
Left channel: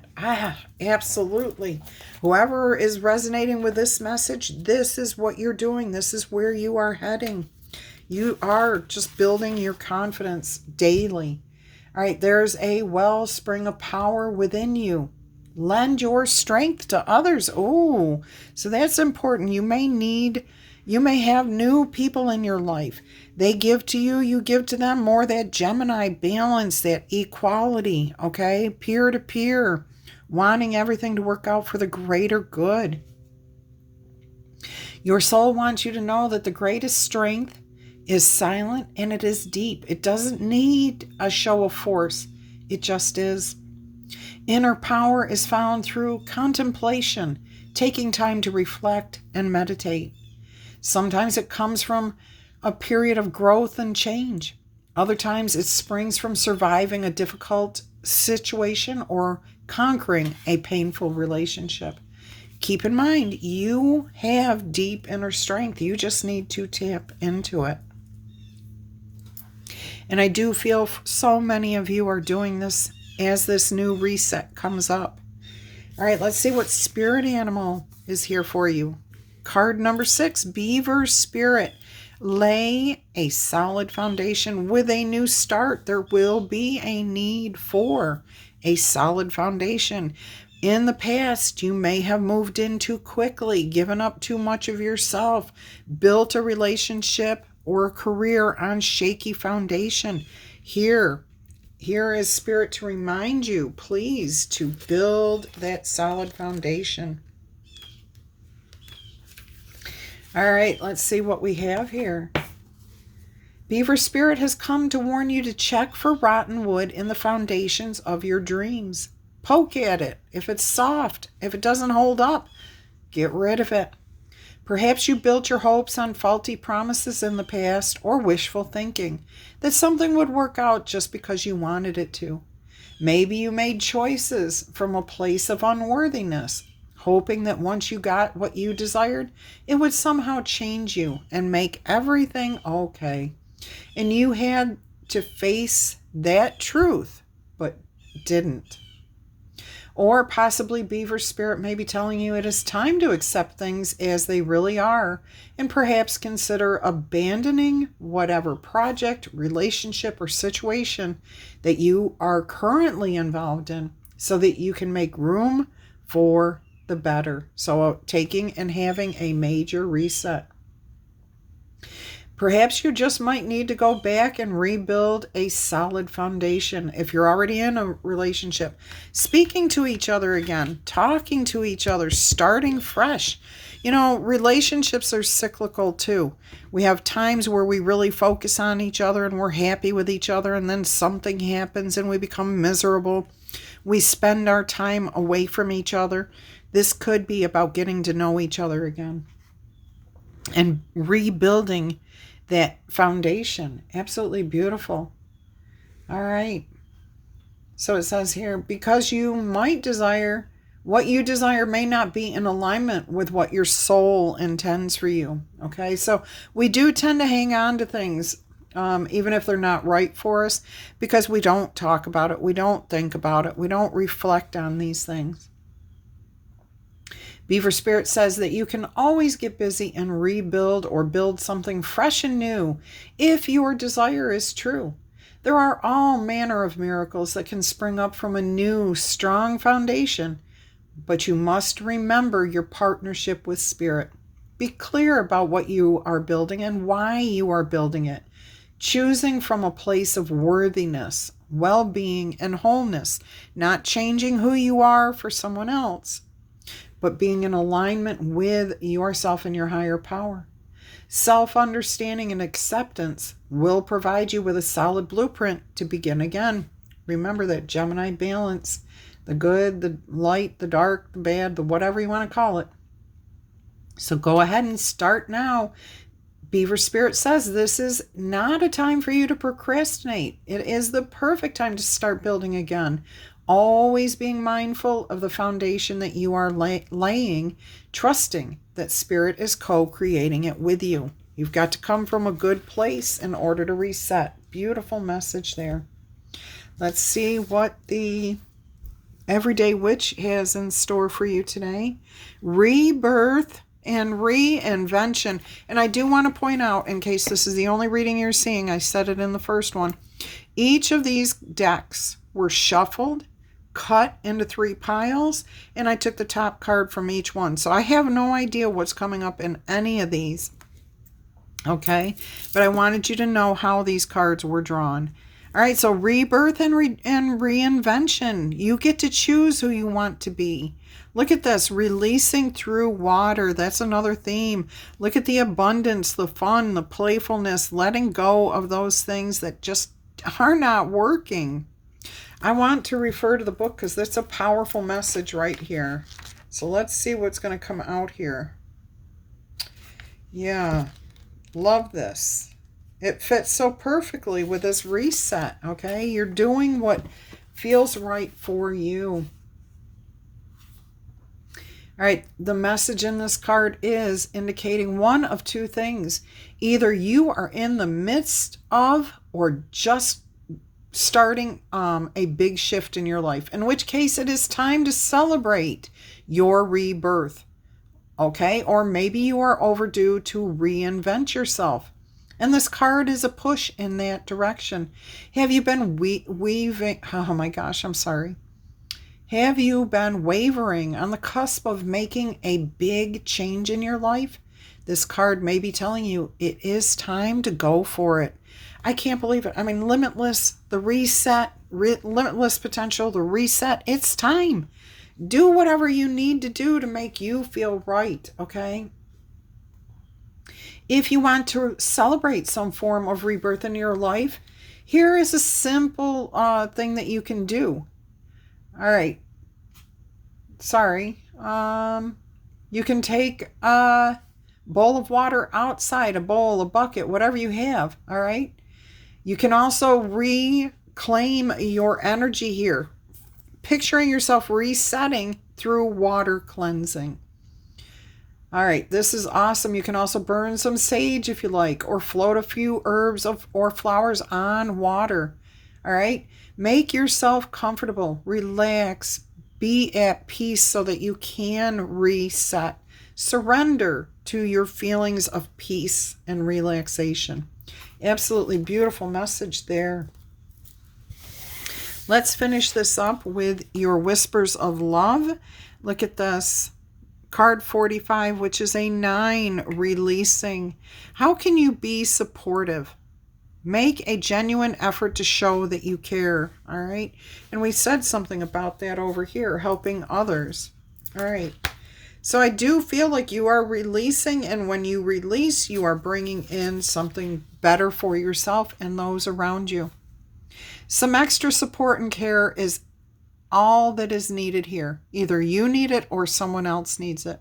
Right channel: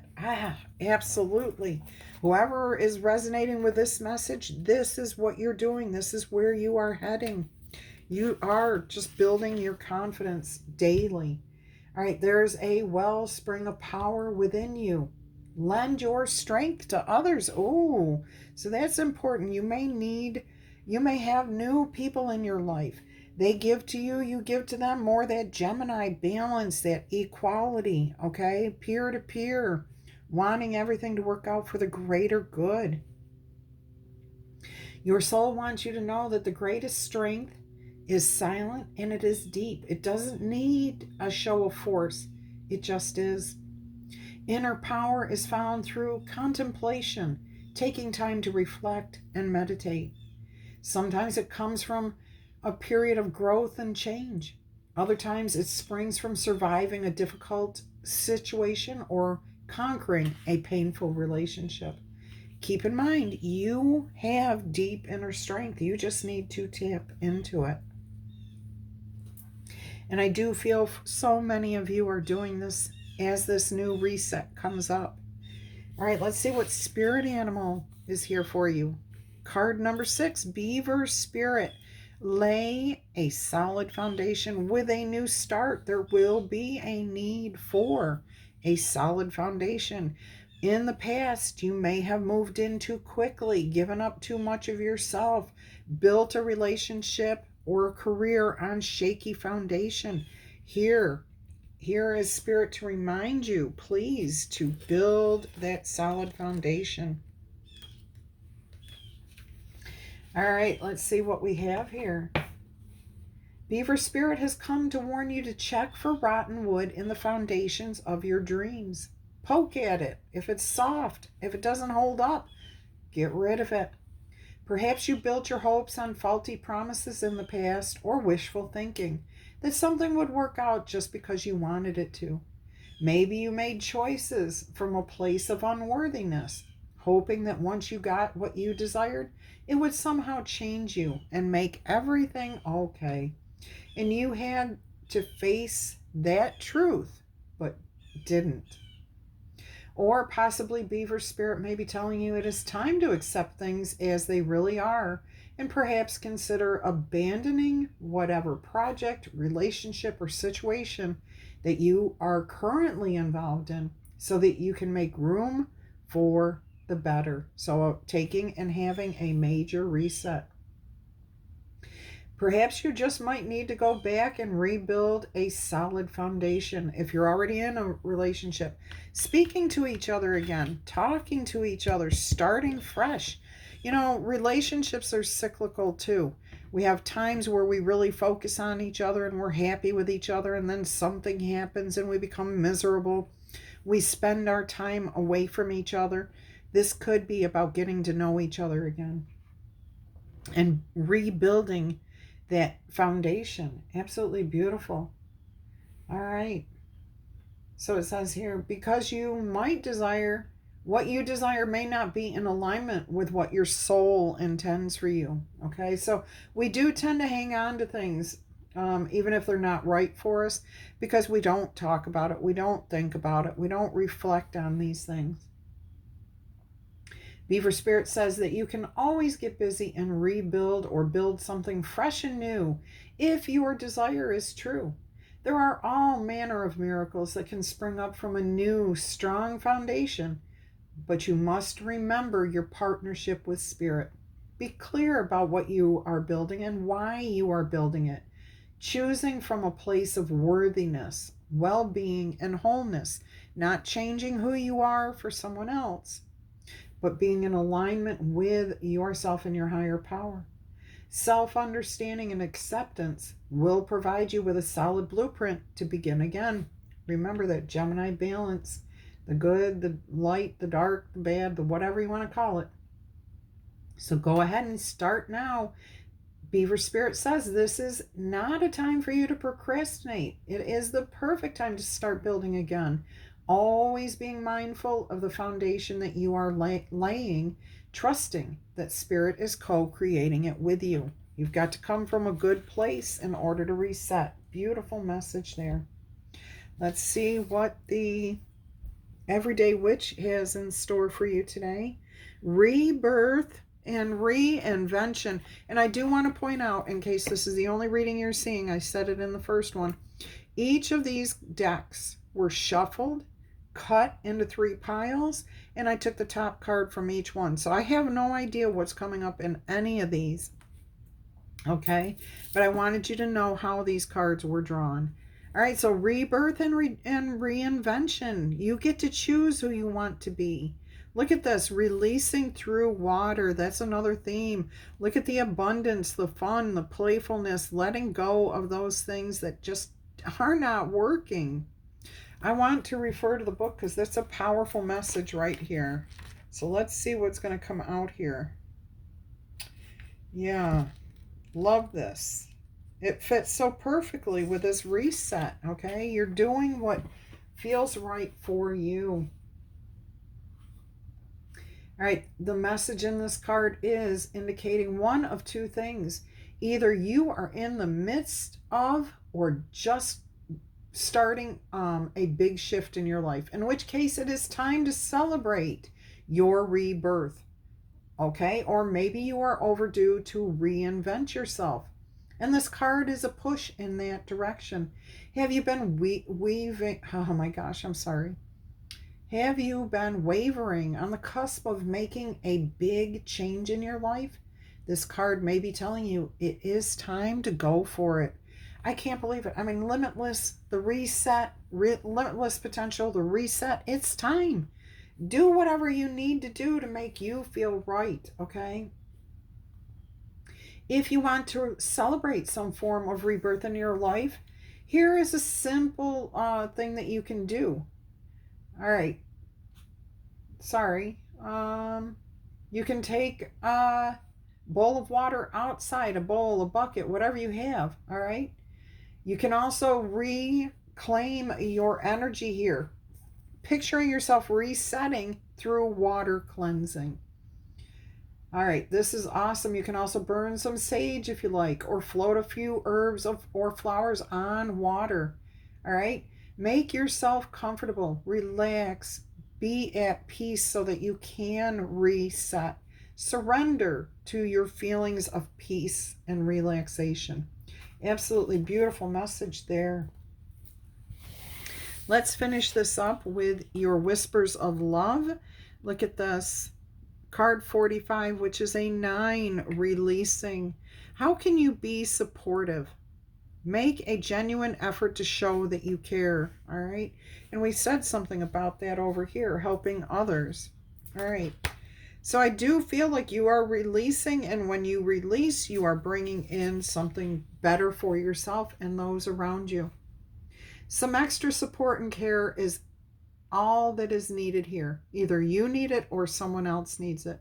Absolutely. Whoever is resonating with this message, this is what you're doing. This is where you are heading. You are just building your confidence daily. All right, there's a wellspring of power within you. Lend your strength to others. Oh, so that's important. You may have new people in your life. They give to you, you give to them. More that Gemini balance, that equality, okay? Peer to peer, wanting everything to work out for the greater good. Your soul wants you to know that the greatest strength is silent and it is deep. It doesn't need a show of force. It just is. Inner power is found through contemplation, taking time to reflect and meditate. Sometimes it comes from a period of growth and change. Other times it springs from surviving a difficult situation or conquering a painful relationship. Keep in mind, you have deep inner strength. You just need to tap into it. And I do feel so many of you are doing this as this new reset comes up. All right, let's see what spirit animal is here for you. Card number 6, Beaver Spirit. Lay a solid foundation with a new start. There will be a need for a solid foundation. In the past, you may have moved in too quickly, given up too much of yourself, built a relationship or a career on shaky foundation. Here is Spirit to remind you, please, to build that solid foundation. All right, let's see what we have here. Beaver Spirit has come to warn you to check for rotten wood in the foundations of your dreams. Poke at it. If it's soft, if it doesn't hold up, get rid of it. Perhaps you built your hopes on faulty promises in the past or wishful thinking that something would work out just because you wanted it to. Maybe you made choices from a place of unworthiness, hoping that once you got what you desired, it would somehow change you and make everything okay. And you had to face that truth, but didn't. Or possibly Beaver Spirit may be telling you it is time to accept things as they really are and perhaps consider abandoning whatever project, relationship, or situation that you are currently involved in so that you can make room for the better. So taking and having a major reset. Perhaps you just might need to go back and rebuild a solid foundation. If you're already in a relationship, speaking to each other again, talking to each other, starting fresh. You know, relationships are cyclical too. We have times where we really focus on each other and we're happy with each other, and then something happens and we become miserable. We spend our time away from each other. This could be about getting to know each other again and rebuilding that foundation. Absolutely beautiful. All right. So it says here, because you might desire, what you desire may not be in alignment with what your soul intends for you. Okay. So we do tend to hang on to things, even if they're not right for us, because we don't talk about it. We don't think about it. We don't reflect on these things. Beaver Spirit says that you can always get busy and rebuild or build something fresh and new if your desire is true. There are all manner of miracles that can spring up from a new, strong foundation, but you must remember your partnership with Spirit. Be clear about what you are building and why you are building it, choosing from a place of worthiness, well-being, and wholeness, not changing who you are for someone else, but being in alignment with yourself and your higher power. Self-understanding and acceptance will provide you with a solid blueprint to begin again. Remember that Gemini balance, the good, the light, the dark, the bad, the whatever you want to call it. So go ahead and start now. Beaver Spirit says this is not a time for you to procrastinate. It is the perfect time to start building again. Always being mindful of the foundation that you are laying, trusting that Spirit is co-creating it with you. You've got to come from a good place in order to reset. Beautiful message there. Let's see what the Everyday Witch has in store for you today. Rebirth and reinvention. And I do want to point out, in case this is the only reading you're seeing, I said it in the first one, each of these decks were shuffled, cut into 3 piles, and I took the top card from each one. So I have no idea what's coming up in any of these. Okay, but I wanted you to know how these cards were drawn. All right, so rebirth and reinvention. You get to choose who you want to be. Look at this, releasing through water. That's another theme. Look at the abundance, the fun, the playfulness, letting go of those things that just are not working. I want to refer to the book because that's a powerful message right here. So let's see what's going to come out here. Yeah, love this. It fits so perfectly with this reset, okay? You're doing what feels right for you. All right, the message in this card is indicating one of 2 things. Either you are in the midst of or just starting a big shift in your life, in which case it is time to celebrate your rebirth, okay? Or maybe you are overdue to reinvent yourself. And this card is a push in that direction. Have you been weaving? Oh my gosh, I'm sorry. Have you been wavering on the cusp of making a big change in your life? This card may be telling you it is time to go for it. I can't believe it. I mean, limitless, the reset, limitless potential, the reset. It's time. Do whatever you need to do to make you feel right, okay? If you want to celebrate some form of rebirth in your life, here is a simple thing that you can do. All right. Sorry. You can take a bowl of water outside, a bowl, a bucket, whatever you have. All right. You can also reclaim your energy here, picturing yourself resetting through water cleansing. All right, this is awesome. You can also burn some sage if you like, or float a few herbs or flowers on water. All right, make yourself comfortable, relax, be at peace so that you can reset. Surrender to your feelings of peace and relaxation. Absolutely beautiful message there. Let's finish this up with your whispers of love. Look at this. Card 45, which is a 9, releasing. How can you be supportive? Make a genuine effort to show that you care, all right? And we said something about that over here, helping others. All right. So I do feel like you are releasing, and when you release, you are bringing in something better for yourself and those around you. Some extra support and care is all that is needed here. Either you need it or someone else needs it.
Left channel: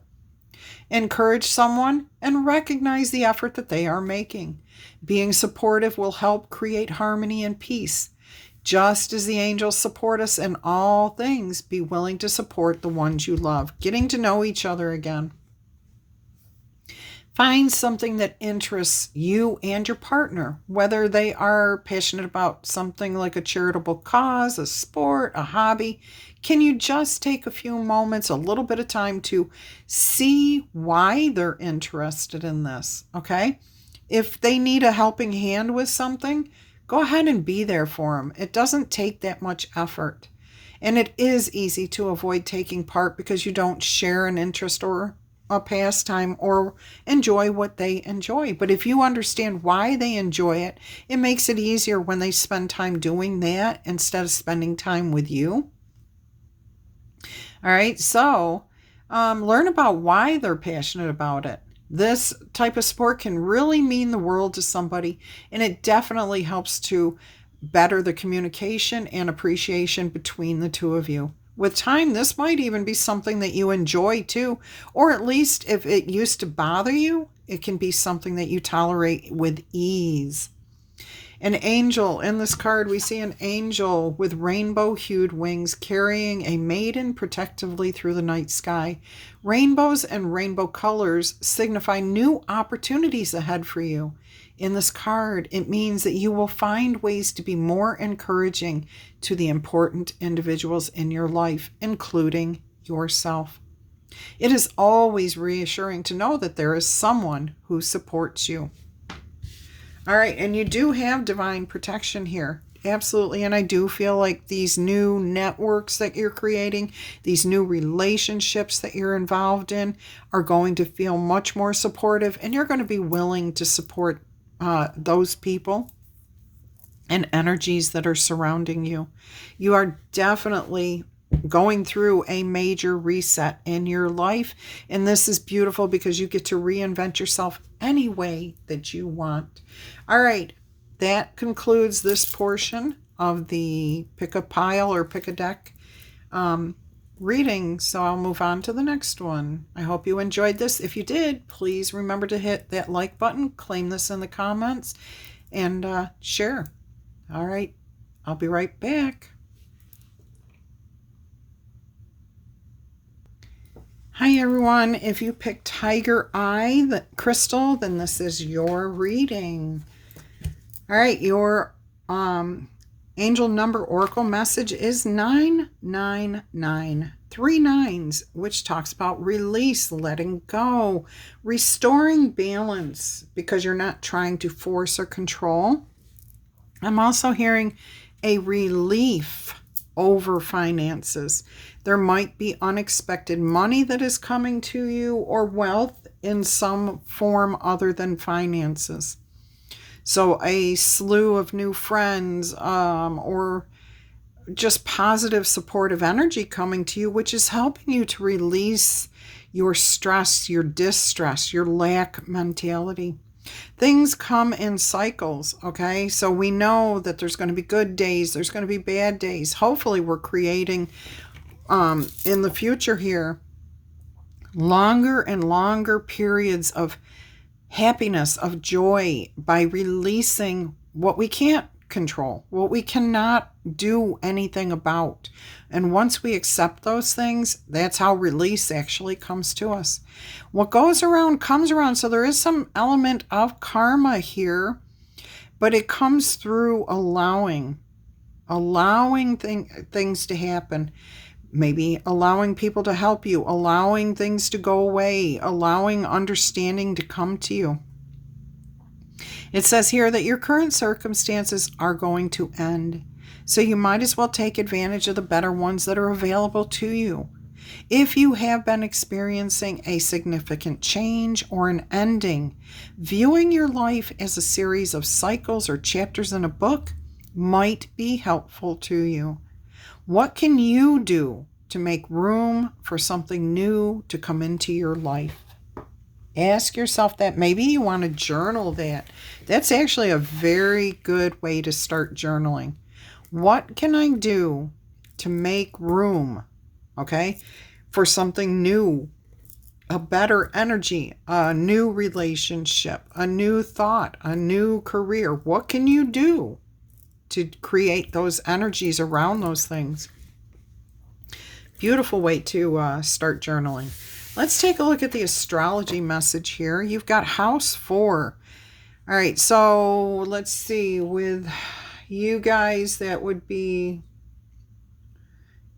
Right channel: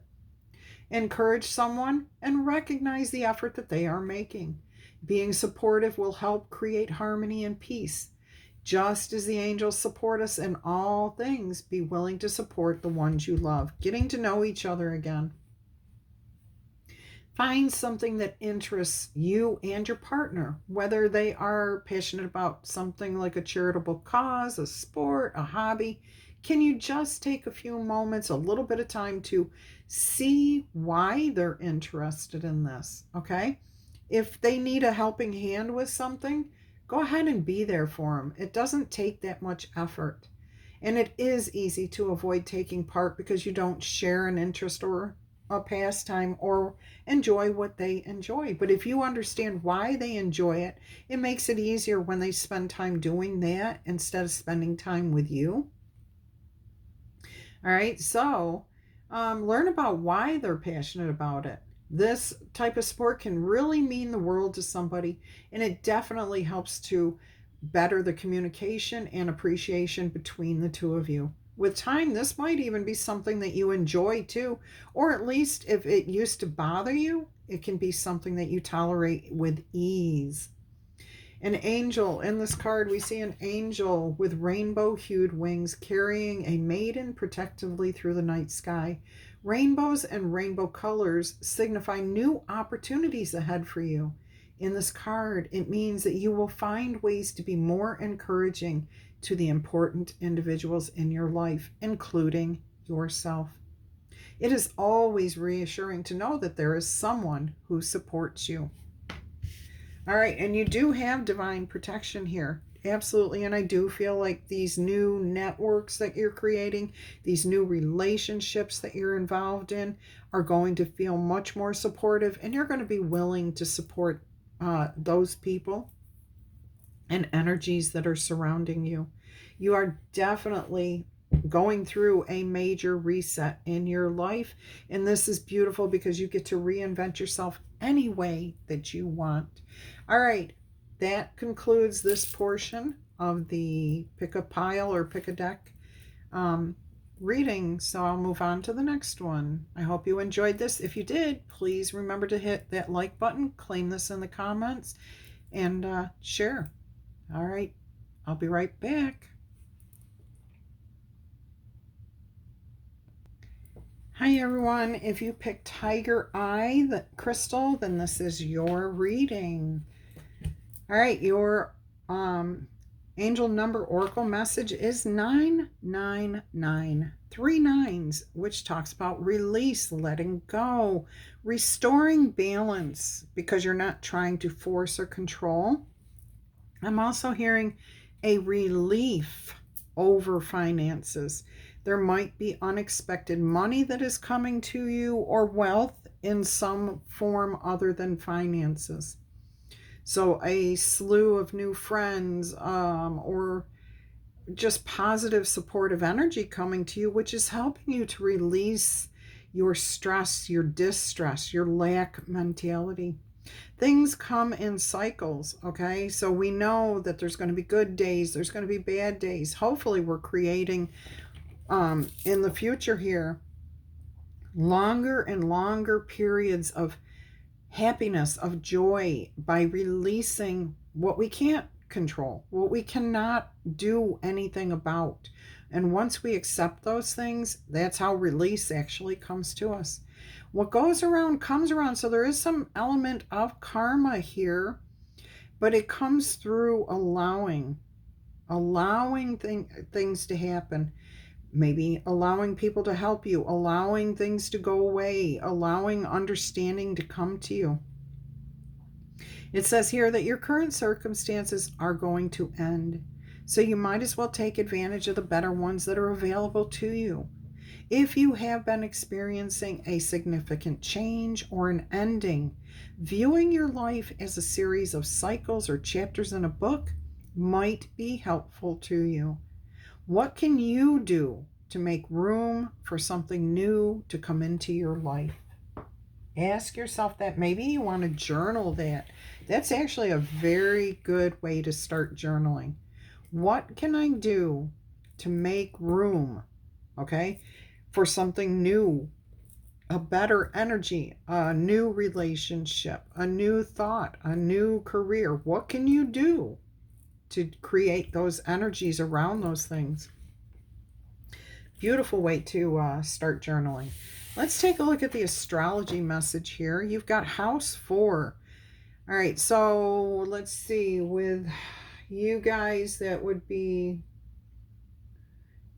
Encourage someone and recognize the effort that they are making. Being supportive will help create harmony and peace. Just as the angels support us in all things, be willing to support the ones you love. Getting to know each other again. Find something that interests you and your partner, whether they are passionate about something like a charitable cause, a sport, a hobby. Can you just take a few moments, a little bit of time to see why they're interested in this? Okay. If they need a helping hand with something, go ahead and be there for them. It doesn't take that much effort. And it is easy to avoid taking part because you don't share an interest or a pastime or enjoy what they enjoy. But if you understand why they enjoy it, it makes it easier when they spend time doing that instead of spending time with you. All right, so learn about why they're passionate about it. This type of sport can really mean the world to somebody, and it definitely helps to better the communication and appreciation between the two of you. With time, this might even be something that you enjoy too, or at least if it used to bother you, it can be something that you tolerate with ease. An angel. In this card, we see an angel with rainbow-hued wings carrying a maiden protectively through the night sky. Rainbows and rainbow colors signify new opportunities ahead for you. In this card, it means that you will find ways to be more encouraging to the important individuals in your life, including yourself. It is always reassuring to know that there is someone who supports you. All right, and you do have divine protection here. Absolutely, and I do feel like these new networks that you're creating, these new relationships that you're involved in are going to feel much more supportive, and you're going to be willing to support those people and energies that are surrounding you. You are definitely going through a major reset in your life, and this is beautiful because you get to reinvent yourself any way that you want. All right, that concludes this portion of the pick a pile or pick a deck reading, so I'll move on to the next one. I hope you enjoyed this. If you did, please remember to hit that like button, claim this in the comments, and share. All right, I'll be right back. Hi everyone, if you picked Tiger Eye Crystal, then this is your reading. All right, your angel number oracle message is 999, 3 nines, which talks about release, letting go, restoring balance because you're not trying to force or control. I'm also hearing a relief over finances. There might be unexpected money that is coming to you or wealth in some form other than finances. So a slew of new friends or just positive supportive energy coming to you, which is helping you to release your stress, your distress, your lack mentality. Things come in cycles, okay? So we know that there's going to be good days, there's going to be bad days. Hopefully we're creating in the future here longer and longer periods of happiness, of joy, by releasing what we can't control, what we cannot do anything about. And once we accept those things, that's how release actually comes to us. What goes around comes around. So there is some element of karma here, but it comes through allowing things to happen. Maybe allowing people to help you, allowing things to go away, allowing understanding to come to you. It says here that your current circumstances are going to end, so you might as well take advantage of the better ones that are available to you. If you have been experiencing a significant change or an ending, viewing your life as a series of cycles or chapters in a book might be helpful to you. What can you do to make room for something new to come into your life? Ask yourself that. Maybe you want to journal that. That's actually a very good way to start journaling. What can I do to make room, okay, for something new, a better energy, a new relationship, a new thought, a new career? What can you do to create those energies around those things? Beautiful way to start journaling. Let's take a look at the astrology message here. You've got house 4. All right, so let's see. With you guys, that would be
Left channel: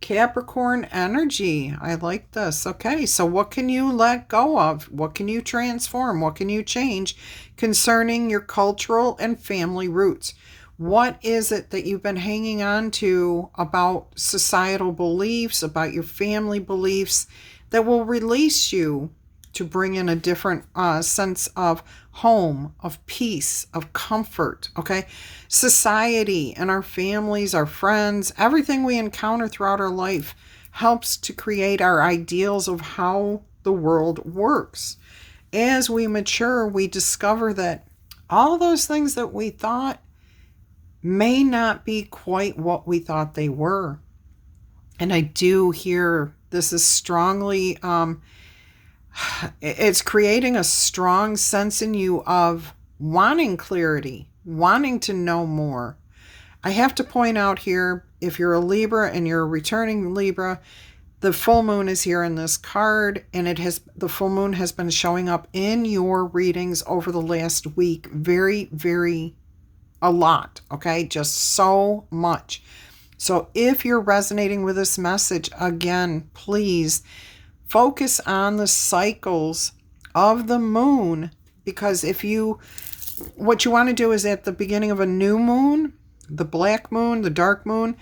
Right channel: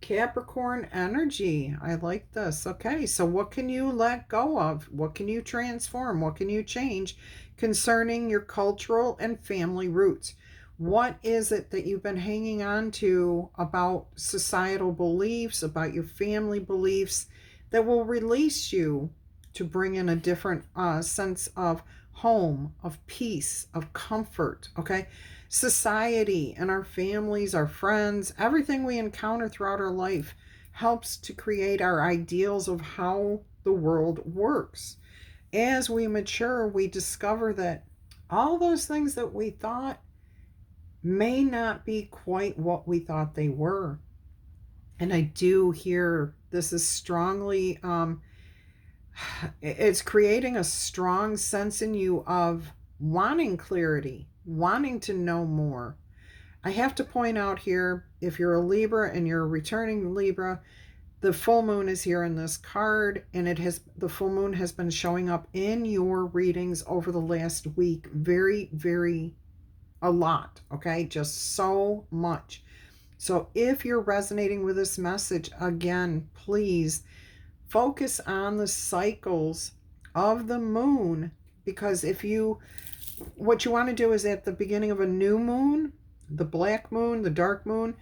Capricorn energy. I like this. Okay, so what can you let go of? What can you transform? What can you change concerning your cultural and family roots? What is it that you've been hanging on to about societal beliefs, about your family beliefs, that will release you to bring in a different sense of home, of peace, of comfort, okay? Society and our families, our friends, everything we encounter throughout our life helps to create our ideals of how the world works. As we mature, we discover that all those things that we thought may not be quite what we thought they were. And I do hear this is strongly, it's creating a strong sense in you of wanting clarity, wanting to know more. I have to point out here, if you're a Libra and you're a returning Libra, the full moon is here in this card, and the full moon has been showing up in your readings over the last week very, very a lot, okay? Just so much. So if you're resonating with this message, again, please focus on the cycles of the moon, because what you want to do is at the beginning of a new moon, the black moon, the dark moon,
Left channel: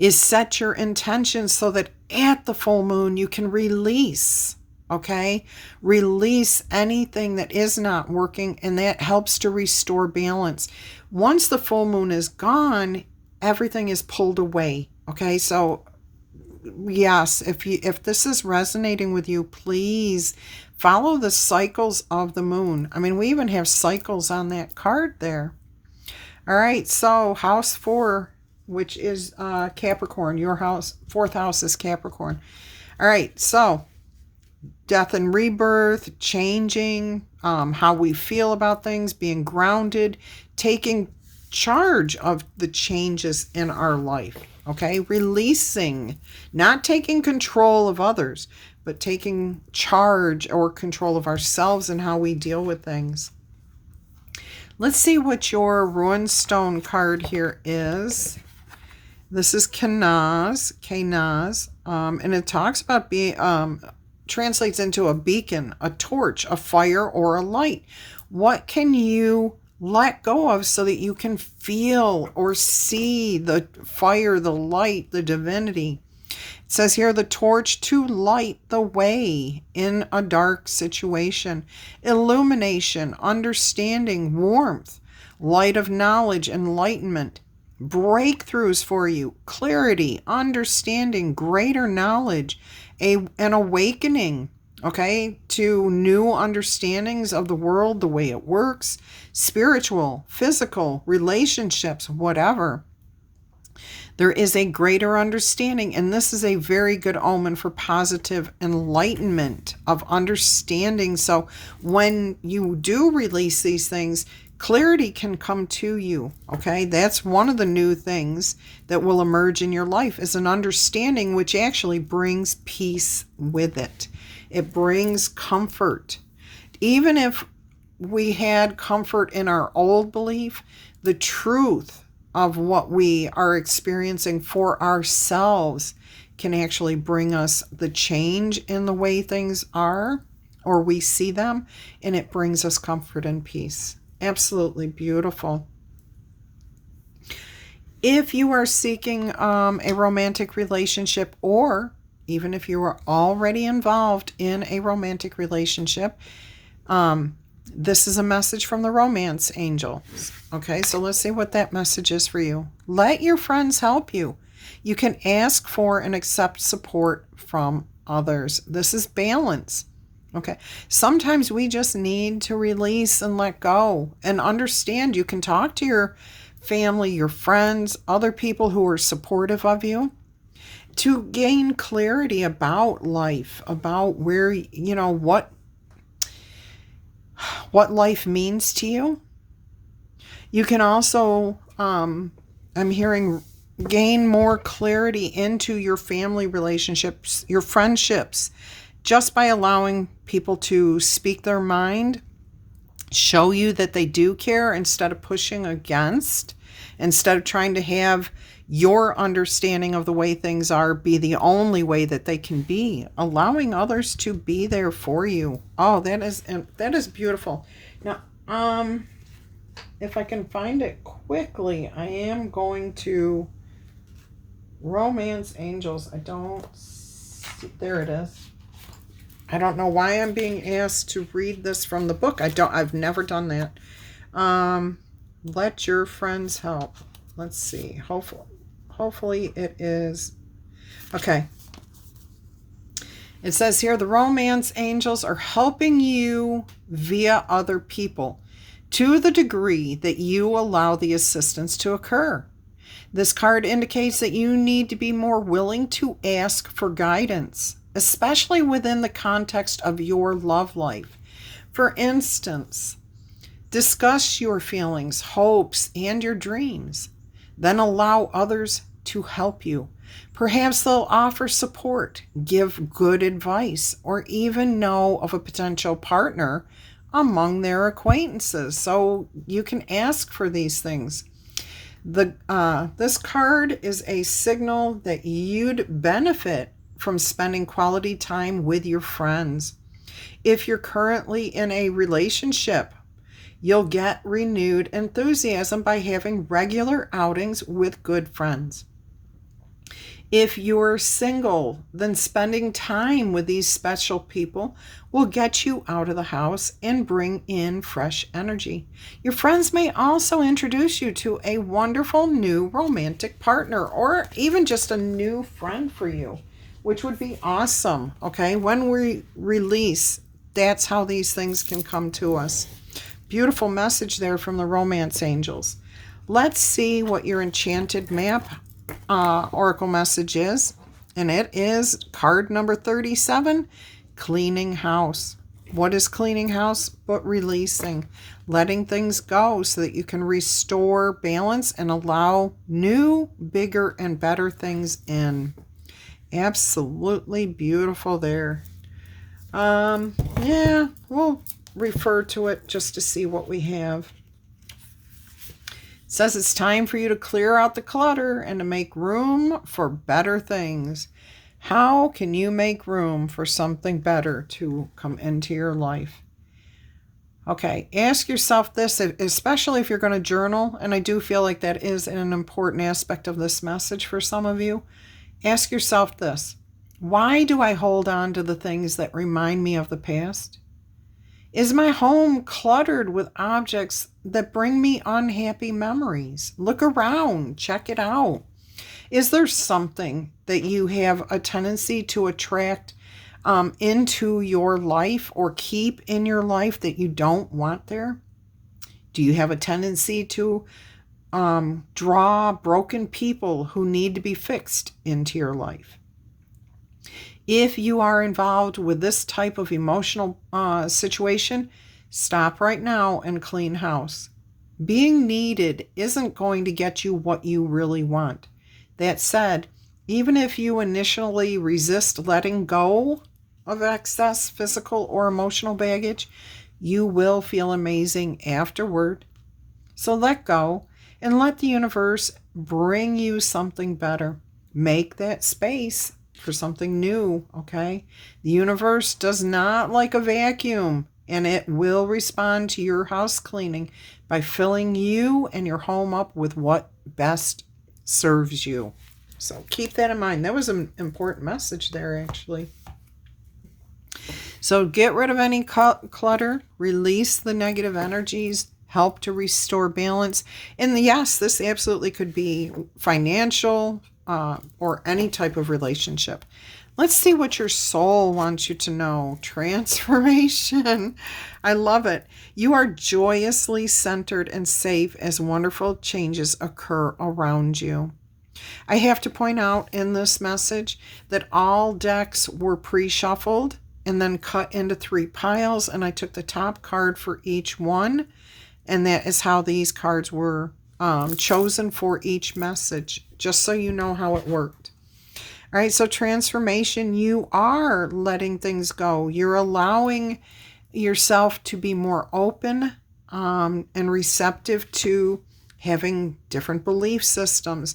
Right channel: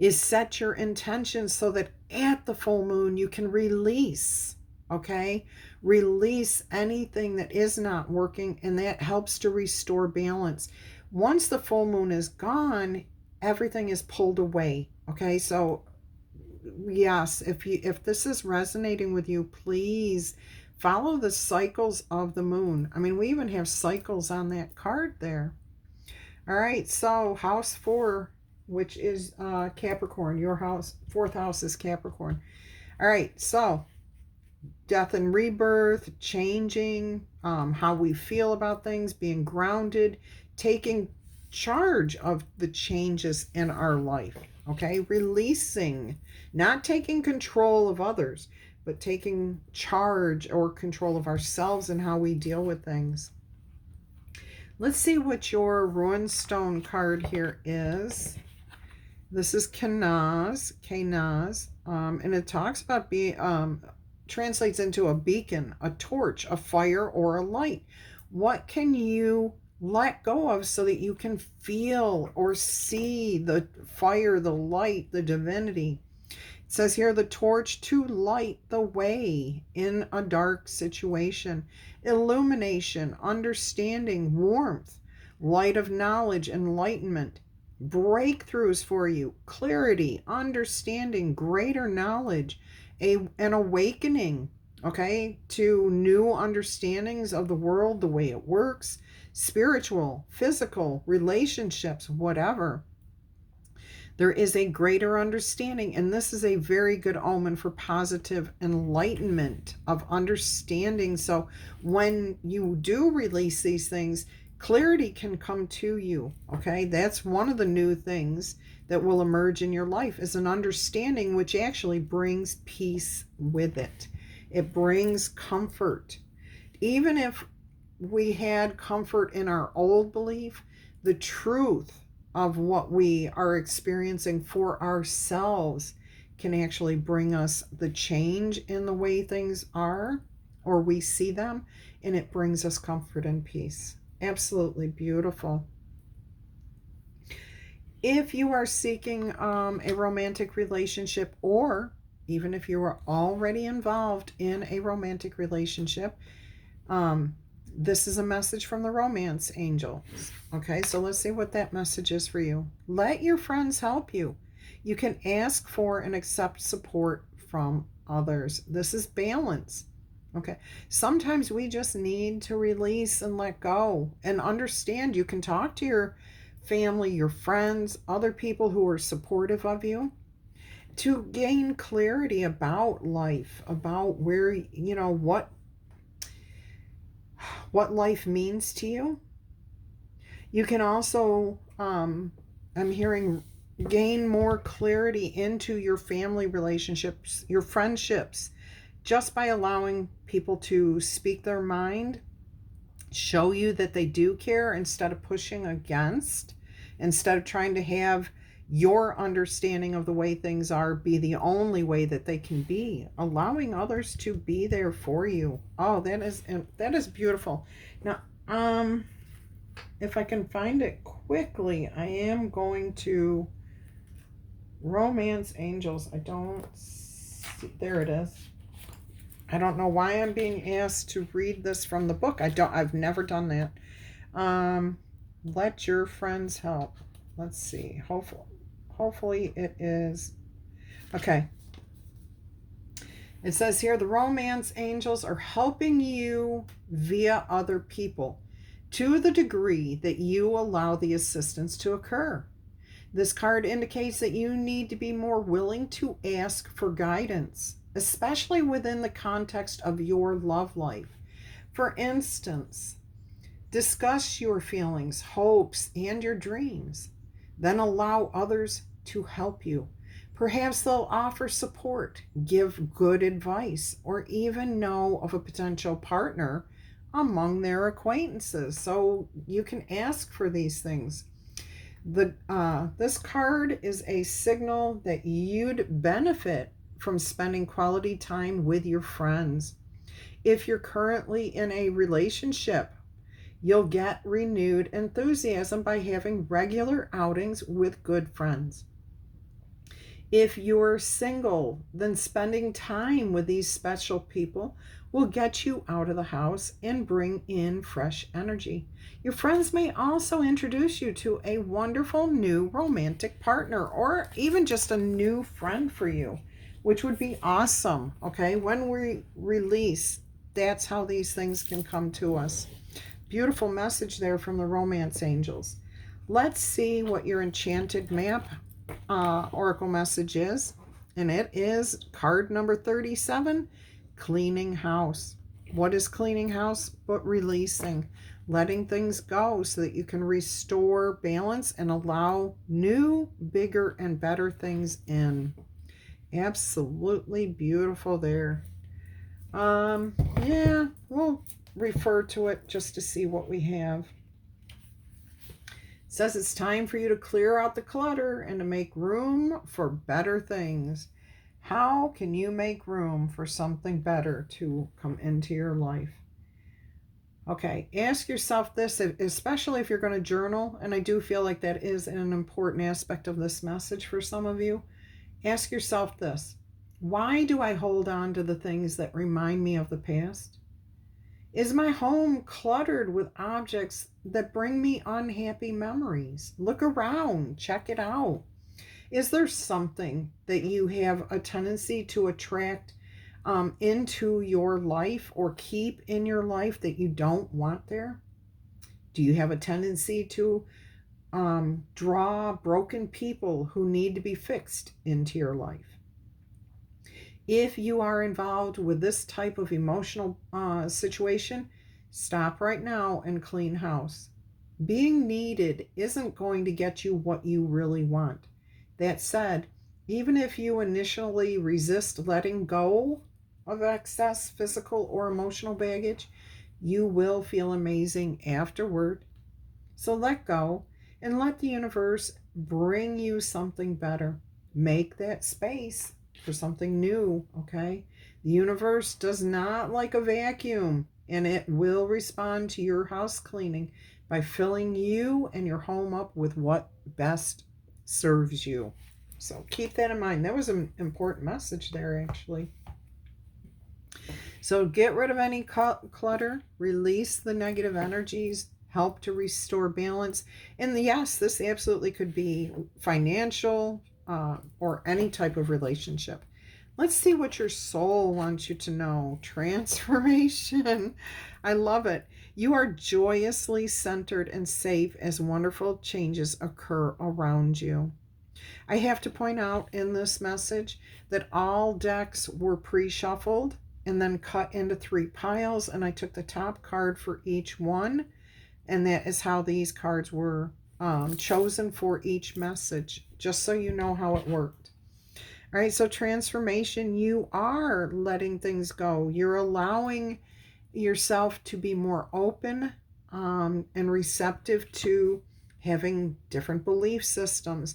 is set your intentions so that at the full moon you can release, okay? Release anything that is not working, and that helps to restore balance. Once the full moon is gone, everything is pulled away, okay? So yes, if this is resonating with you, please follow the cycles of the moon. I mean, we even have cycles on that card there. All right, so house 4, which is Capricorn, your house, 4th house is Capricorn. All right, so death and rebirth, changing how we feel about things, being grounded, taking charge of the changes in our life, okay? Releasing, not taking control of others, but taking charge or control of ourselves and how we deal with things. Let's see what your Ruined Stone card here is. This is Kenaz, and it talks about being, translates into a beacon, a torch, a fire, or a light. What can you let go of so that you can feel or see the fire, the light, the divinity? It says here, the torch to light the way in a dark situation. Illumination, understanding, warmth, light of knowledge, enlightenment, breakthroughs for you, clarity, understanding, greater knowledge, an awakening, okay, to new understandings of the world, the way it works, spiritual, physical, relationships, whatever. There is a greater understanding, and this is a very good omen for positive enlightenment of understanding. So when you do release these things, clarity can come to you, okay? That's one of the new things that will emerge in your life, is an understanding which actually brings peace with it. It brings comfort. Even if we had comfort in our old belief, the truth of what we are experiencing for ourselves can actually bring us the change in the way things are, or we see them, and it brings us comfort and peace. Absolutely beautiful. If you are seeking a romantic relationship, or even if you are already involved in a romantic relationship, this is a message from the romance angels. Okay, so let's see what that message is for you. Let your friends help you. You can ask for and accept support from others. This is balance. Okay, sometimes we just need to release and let go and understand. You can talk to your family, your friends, other people who are supportive of you, to gain clarity about life, about where, what life means to you. You can also, I'm hearing, gain more clarity into your family relationships, your friendships, just by allowing people to speak their mind, show you that they do care instead of pushing against, instead of trying to have your understanding of the way things are be the only way that they can be, allowing others to be there for you. Oh, that is beautiful. Now, if I can find it quickly, I am going to Romance Angels. I don't see, there it is. I don't know why I'm being asked to read this from the book. I've never done that. Let your friends help. Let's see. Hopefully it is. Okay. It says here, the romance angels are helping you via other people to the degree that you allow the assistance to occur. This card indicates that you need to be more willing to ask for guidance, especially within the context of your love life. For instance, discuss your feelings, hopes, and your dreams. Then allow others to help you. Perhaps they'll offer support, give good advice, or even know of a potential partner among their acquaintances. So you can ask for these things. This card is a signal that you'd benefit from spending quality time with your friends. If you're currently in a relationship, you'll get renewed enthusiasm by having regular outings with good friends. If you're single, then spending time with these special people will get you out of the house and bring in fresh energy. Your friends may also introduce you to a wonderful new romantic partner or even just a new friend for you, which would be awesome. Okay, when we release, that's how these things can come to us. Beautiful message there from the romance angels. Let's see what your enchanted map oracle message is, and it is card number 37, cleaning house. What is cleaning house but releasing, letting things go so that you can restore balance and allow new, bigger, and better things in. Absolutely beautiful there. Yeah, we'll refer to it just to see what we have. It says it's time for you to clear out the clutter and to make room for better things. How can you make room for something better to come into your life? Okay, ask yourself this, especially if you're going to journal, and I do feel like that is an important aspect of this message for some of you. Ask yourself this: why do I hold on to the things that remind me of the past? Is my home cluttered with objects that bring me unhappy memories? Look around, check it out. Is there something that you have a tendency to attract into your life or keep in your life that you don't want there? Do you have a tendency to draw broken people who need to be fixed into your life? If you are involved with this type of emotional situation, stop right now and clean house. Being needed isn't going to get you what you really want. That said, even if you initially resist letting go of excess physical or emotional baggage, you will feel amazing afterward. So let go and let the universe bring you something better. Make that space for something new, okay? The universe does not like a vacuum, and it will respond to your house cleaning by filling you and your home up with what best serves you. So keep that in mind. That was an important message there, actually. So get rid of any clutter, release the negative energies, help to restore balance. And yes, this absolutely could be financial, or any type of relationship. Let's see what your soul wants you to know. Transformation. I love it. You are joyously centered and safe as wonderful changes occur around you. I have to point out in this message that all decks were pre-shuffled and then cut into 3 piles, and I took the top card for each one, and that is how these cards were chosen for each message, just so you know how it worked. All right, so transformation, you are letting things go. You're allowing yourself to be more open and receptive to having different belief systems,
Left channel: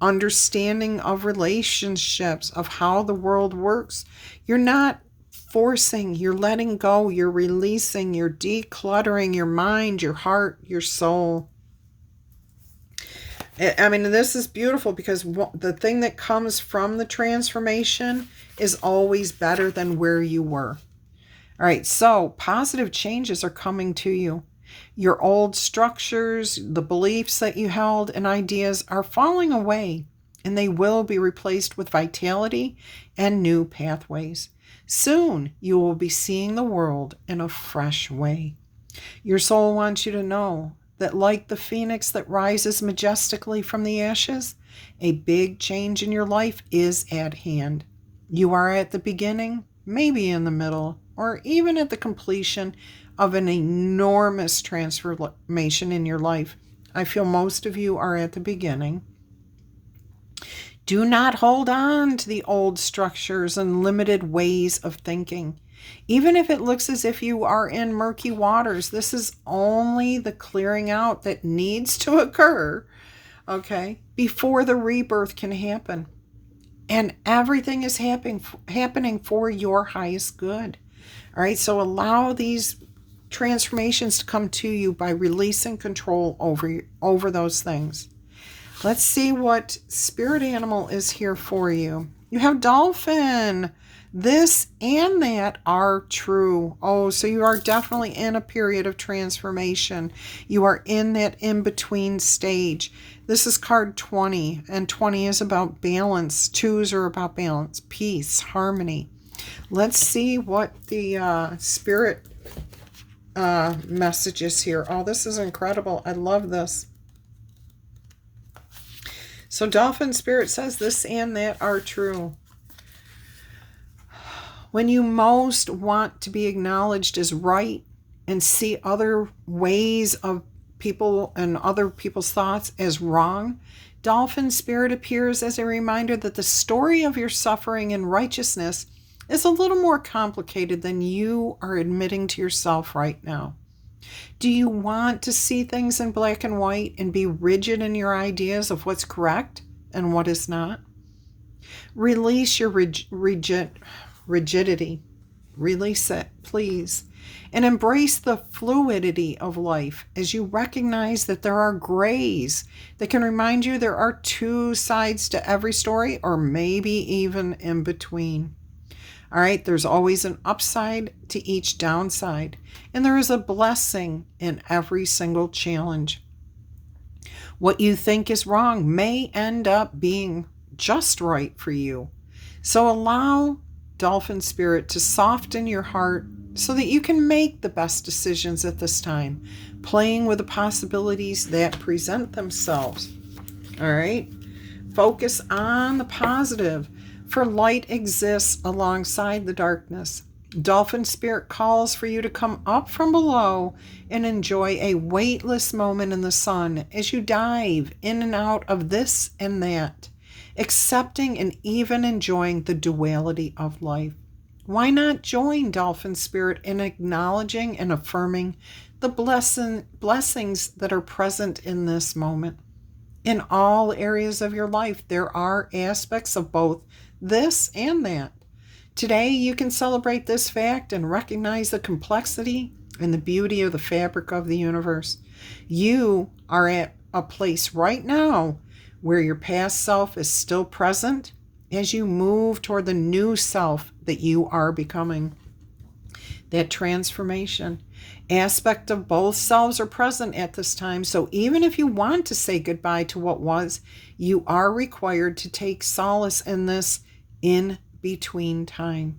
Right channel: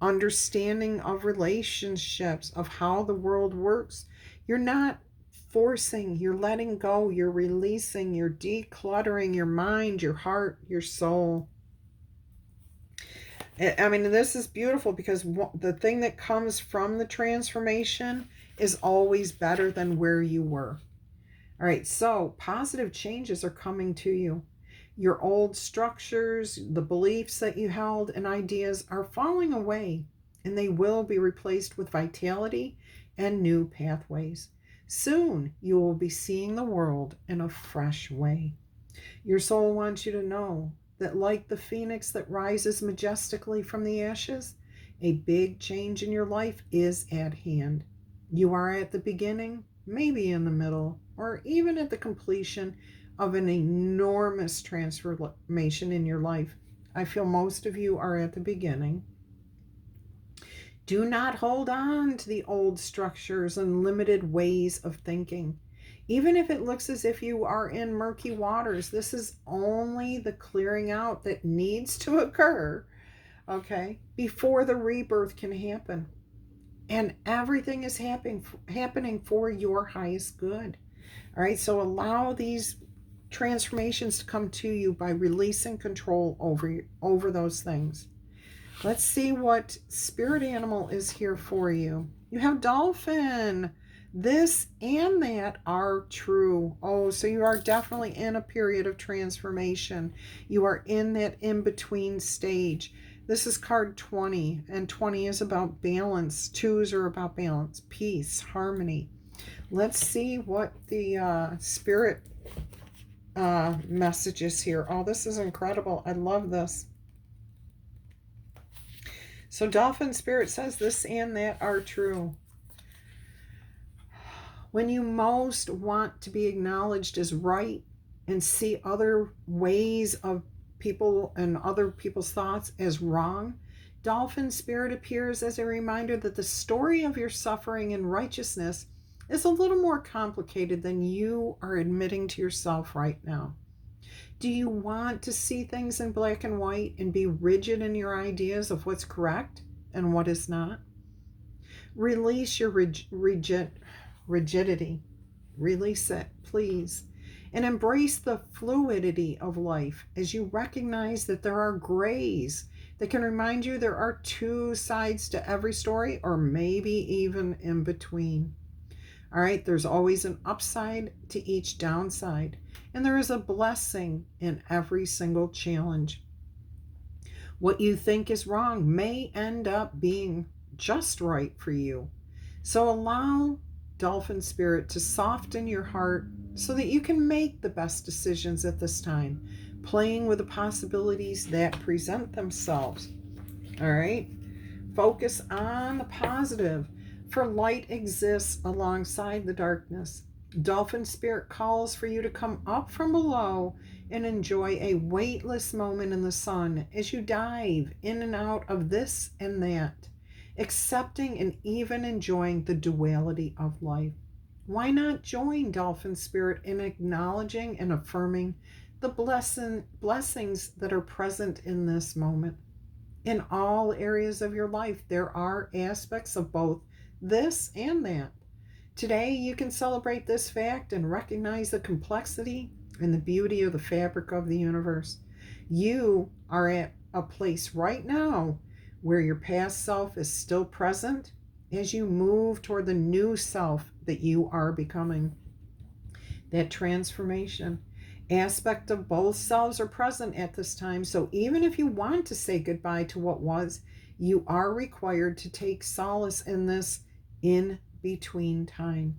understanding of relationships, of how the world works. You're not forcing, you're letting go, you're releasing, you're decluttering your mind, your heart, your soul. I mean, this is beautiful because the thing that comes from the transformation is always better than where you were. All right, so positive changes are coming to you. Your old structures, the beliefs that you held, and ideas are falling away, and they will be replaced with vitality and new pathways. Soon, you will be seeing the world in a fresh way. Your soul wants you to know that, like the phoenix that rises majestically from the ashes, a big change in your life is at hand. You are at the beginning, maybe in the middle, or even at the completion of an enormous transformation in your life. I feel most of you are at the beginning. Do not hold on to the old structures and limited ways of thinking. Even if it looks as if you are in murky waters, this is only the clearing out that needs to occur, okay, before the rebirth can happen. And everything is happening for your highest good. All right, so allow these transformations to come to you by releasing control over those things. Let's see what spirit animal is here for you. You have dolphin. This and that are true. Oh, so you are definitely in a period of transformation. You are in that in-between stage. This is card 20, and 20 is about balance. 2s are about balance, peace, harmony. Let's see what the spirit message is here. Oh, this is incredible. I love this. So Dolphin Spirit says this and that are true. When you most want to be acknowledged as right and see other ways of people and other people's thoughts as wrong, Dolphin Spirit appears as a reminder that the story of your suffering and righteousness is a little more complicated than you are admitting to yourself right now. Do you want to see things in black and white and be rigid in your ideas of what's correct and what is not? Release your rigidity. Release it, please. And embrace the fluidity of life as you recognize that there are grays that can remind you there are two sides to every story, or maybe even in between. All right, there's always an upside to each downside, and there is a blessing in every single challenge. What you think is wrong may end up being just right for you. So allow Dolphin Spirit to soften your heart so that you can make the best decisions at this time, playing with the possibilities that present themselves. All right, focus on the positive. For light exists alongside the darkness. Dolphin Spirit calls for you to come up from below and enjoy a weightless moment in the sun as you dive in and out of this and that, accepting and even enjoying the duality of life. Why not join Dolphin Spirit in acknowledging and affirming the blessings that are present in this moment? In all areas of your life, there are aspects of both this and that. Today, you can celebrate this fact and recognize the complexity and the beauty of the fabric of the universe. You are at a place right now where your past self is still present as you move toward the new self that you are becoming. That transformation aspect of both selves are present at this time. So even if you want to say goodbye to what was, you are required to take solace in this in between time.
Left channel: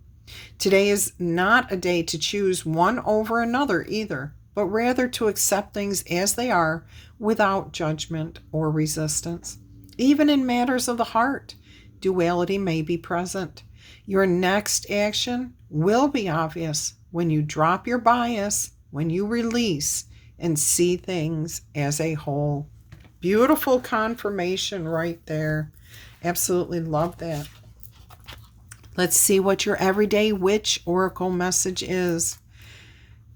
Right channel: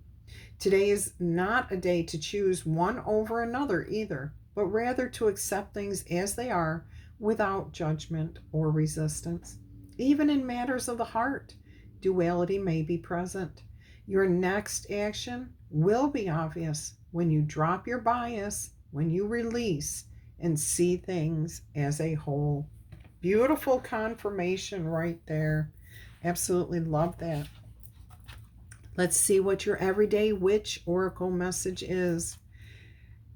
Today is not a day to choose one over another either, but rather to accept things as they are without judgment or resistance. Even in matters of the heart, duality may be present. Your next action will be obvious when you drop your bias, when you release and see things as a whole. Beautiful confirmation right there. Absolutely love that. Let's see what your everyday witch oracle message is.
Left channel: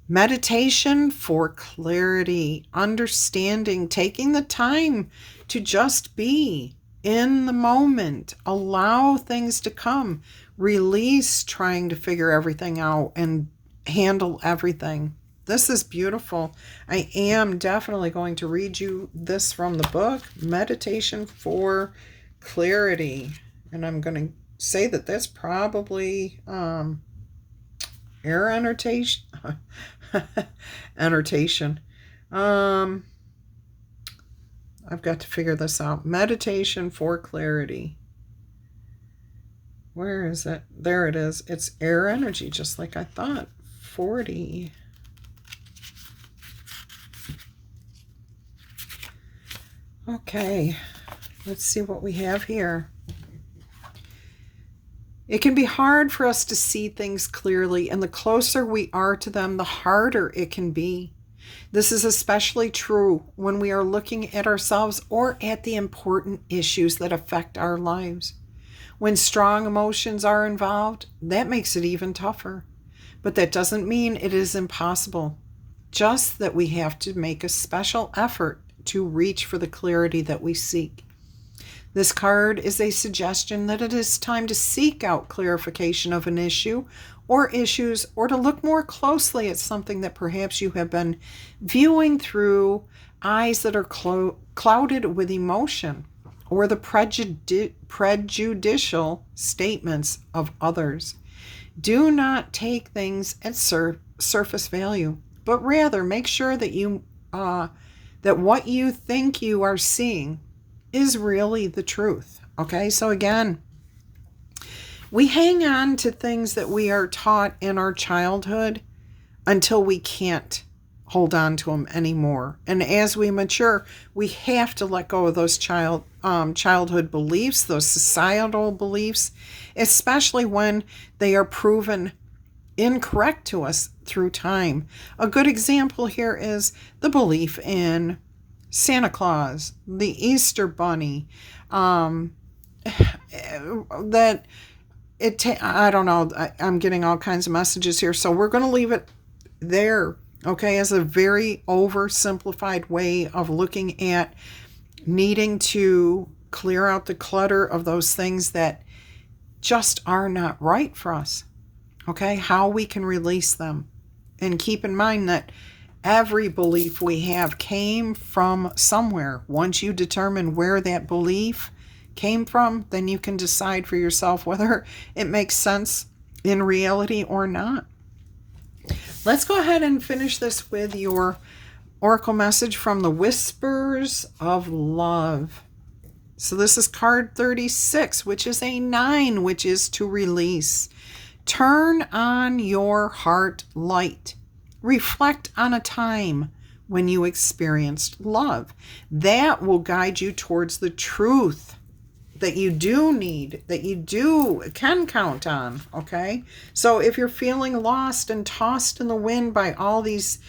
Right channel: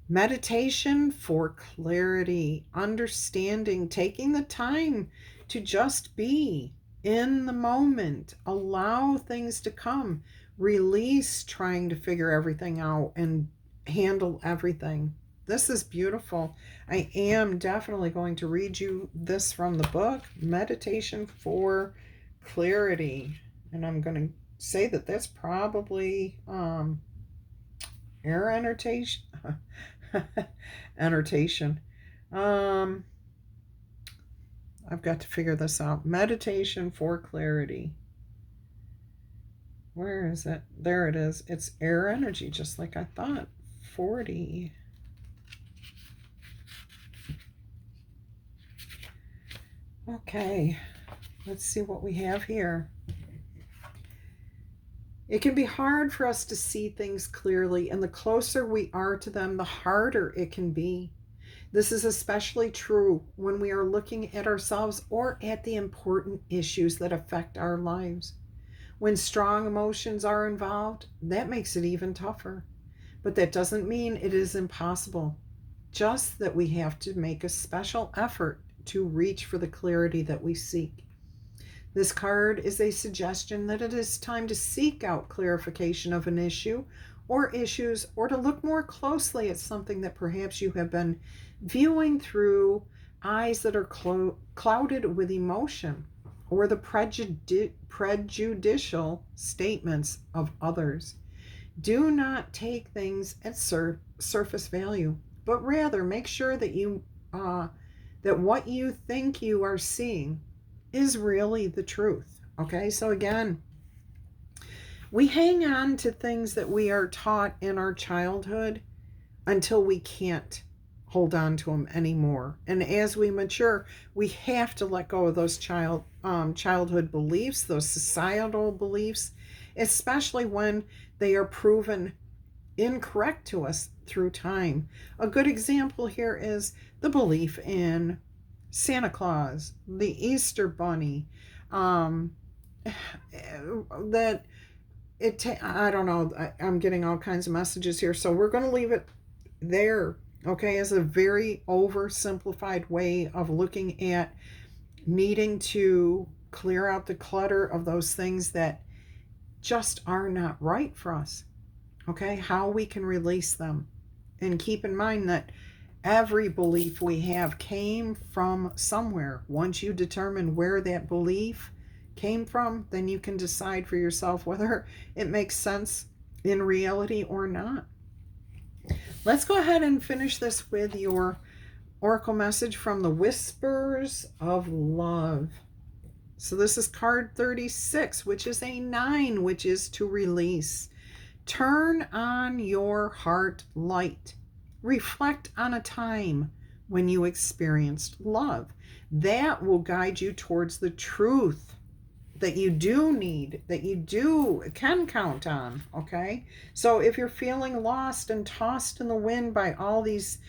Meditation for clarity, understanding, taking the time to just be. in the moment. Allow things to come. Release trying to figure everything out and handle everything. This is beautiful. I am definitely going to read you this from the book, Meditation for Clarity. And I'm going to say that that's probably air annotation. Annotation. I've got to figure this out. Meditation for Clarity. Where is it? There it is. It's air energy, just like I thought. 40. Okay, let's see what we have here. It can be hard for us to see things clearly, and the closer we are to them, the harder it can be. This is especially true when we are looking at ourselves or at the important issues that affect our lives. When strong emotions are involved, that makes it even tougher. But that doesn't mean it is impossible, just that we have to make a special effort to reach for the clarity that we seek. This card is a suggestion that it is time to seek out clarification of an issue or issues, or to look more closely at something that perhaps you have been viewing through eyes that are clouded with emotion or the prejudicial statements of others. Do not take things at surface value, but rather make sure that that what you think you are seeing is really the truth. Okay, so again, we hang on to things that we are taught in our childhood until we can't hold on to them anymore. And as we mature, we have to let go of those childhood beliefs, those societal beliefs, especially when they are proven incorrect to us through time. A good example here is the belief in Santa Claus, the Easter Bunny, that I don't know, I'm getting all kinds of messages here, so we're going to leave it there, okay, as a very oversimplified way of looking at needing to clear out the clutter of those things that just are not right for us, okay, how we can release them. And keep in mind that every belief we have came from somewhere. Once you determine where that belief came from, then you can decide for yourself whether it makes sense in reality or not. Let's go ahead and finish this with your oracle message from the Whispers of Love. So this is card 36, which is a 9, which is to release. Turn on your heart light. Reflect on a time when you experienced love. That will guide you towards the truth that you do need, that you can count on, okay? So if you're feeling lost and tossed in the wind by all these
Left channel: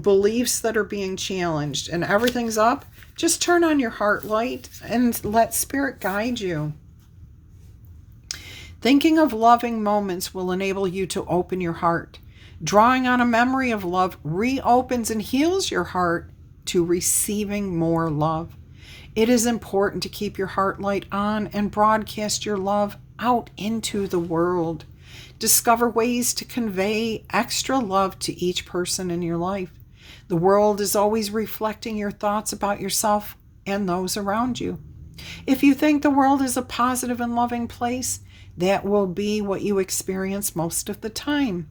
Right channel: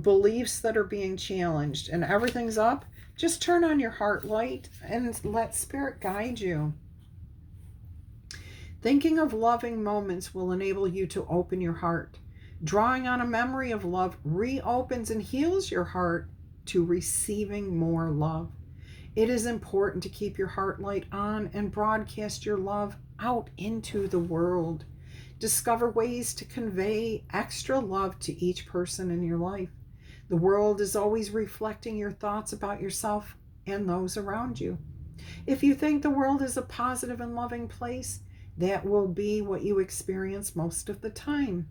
beliefs that are being challenged and everything's up, just turn on your heart light and let Spirit guide you. Thinking of loving moments will enable you to open your heart. Drawing on a memory of love reopens and heals your heart to receiving more love. It is important to keep your heart light on and broadcast your love out into the world. Discover ways to convey extra love to each person in your life. The world is always reflecting your thoughts about yourself and those around you. If you think the world is a positive and loving place, that will be what you experience most of the time.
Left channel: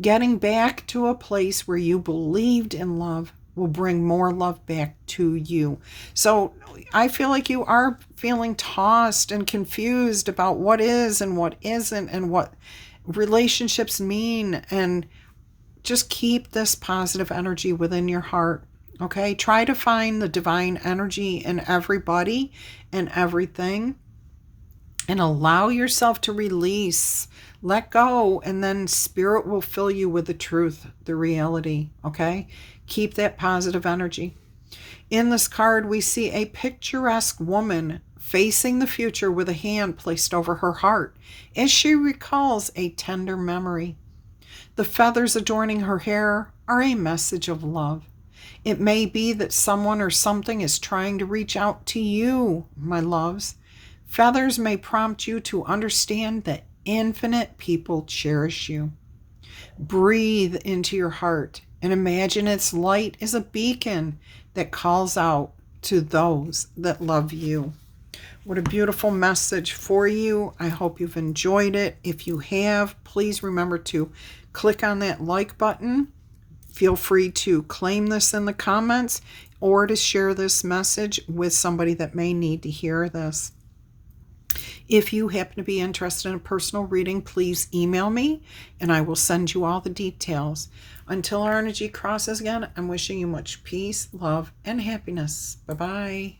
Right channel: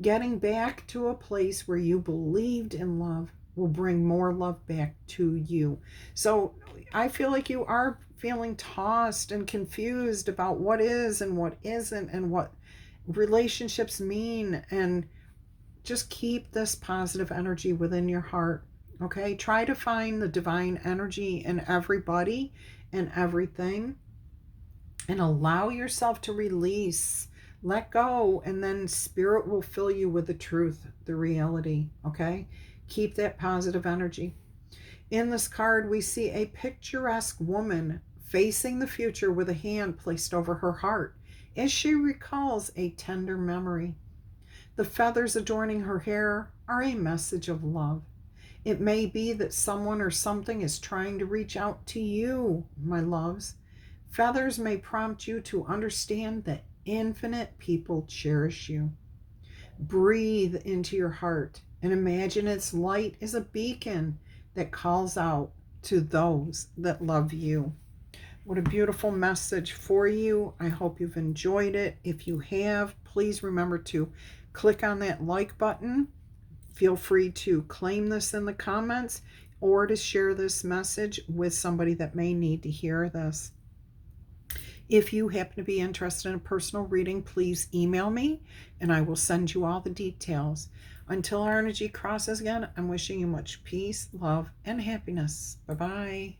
Getting back to a place where you believed in love will bring more love back to you. So I feel like you are feeling tossed and confused about what is and what isn't and what relationships mean. And just keep this positive energy within your heart. Okay? Try to find the divine energy in everybody and everything. And allow yourself to release. Let go, and then Spirit will fill you with the truth, the reality, okay? Keep that positive energy. In this card, we see a picturesque woman facing the future with a hand placed over her heart as she recalls a tender memory. The feathers adorning her hair are a message of love. It may be that someone or something is trying to reach out to you, my loves, Feathers may prompt you to understand that infinite people cherish you. Breathe into your heart and imagine its light is a beacon that calls out to those that love you. What a beautiful message for you. I hope you've enjoyed it. If you have, please remember to click on that like button. Feel free to claim this in the comments or to share this message with somebody that may need to hear this. If you happen to be interested in a personal reading, please email me and I will send you all the details. Until our energy crosses again, I'm wishing you much peace, love, and happiness. Bye-bye.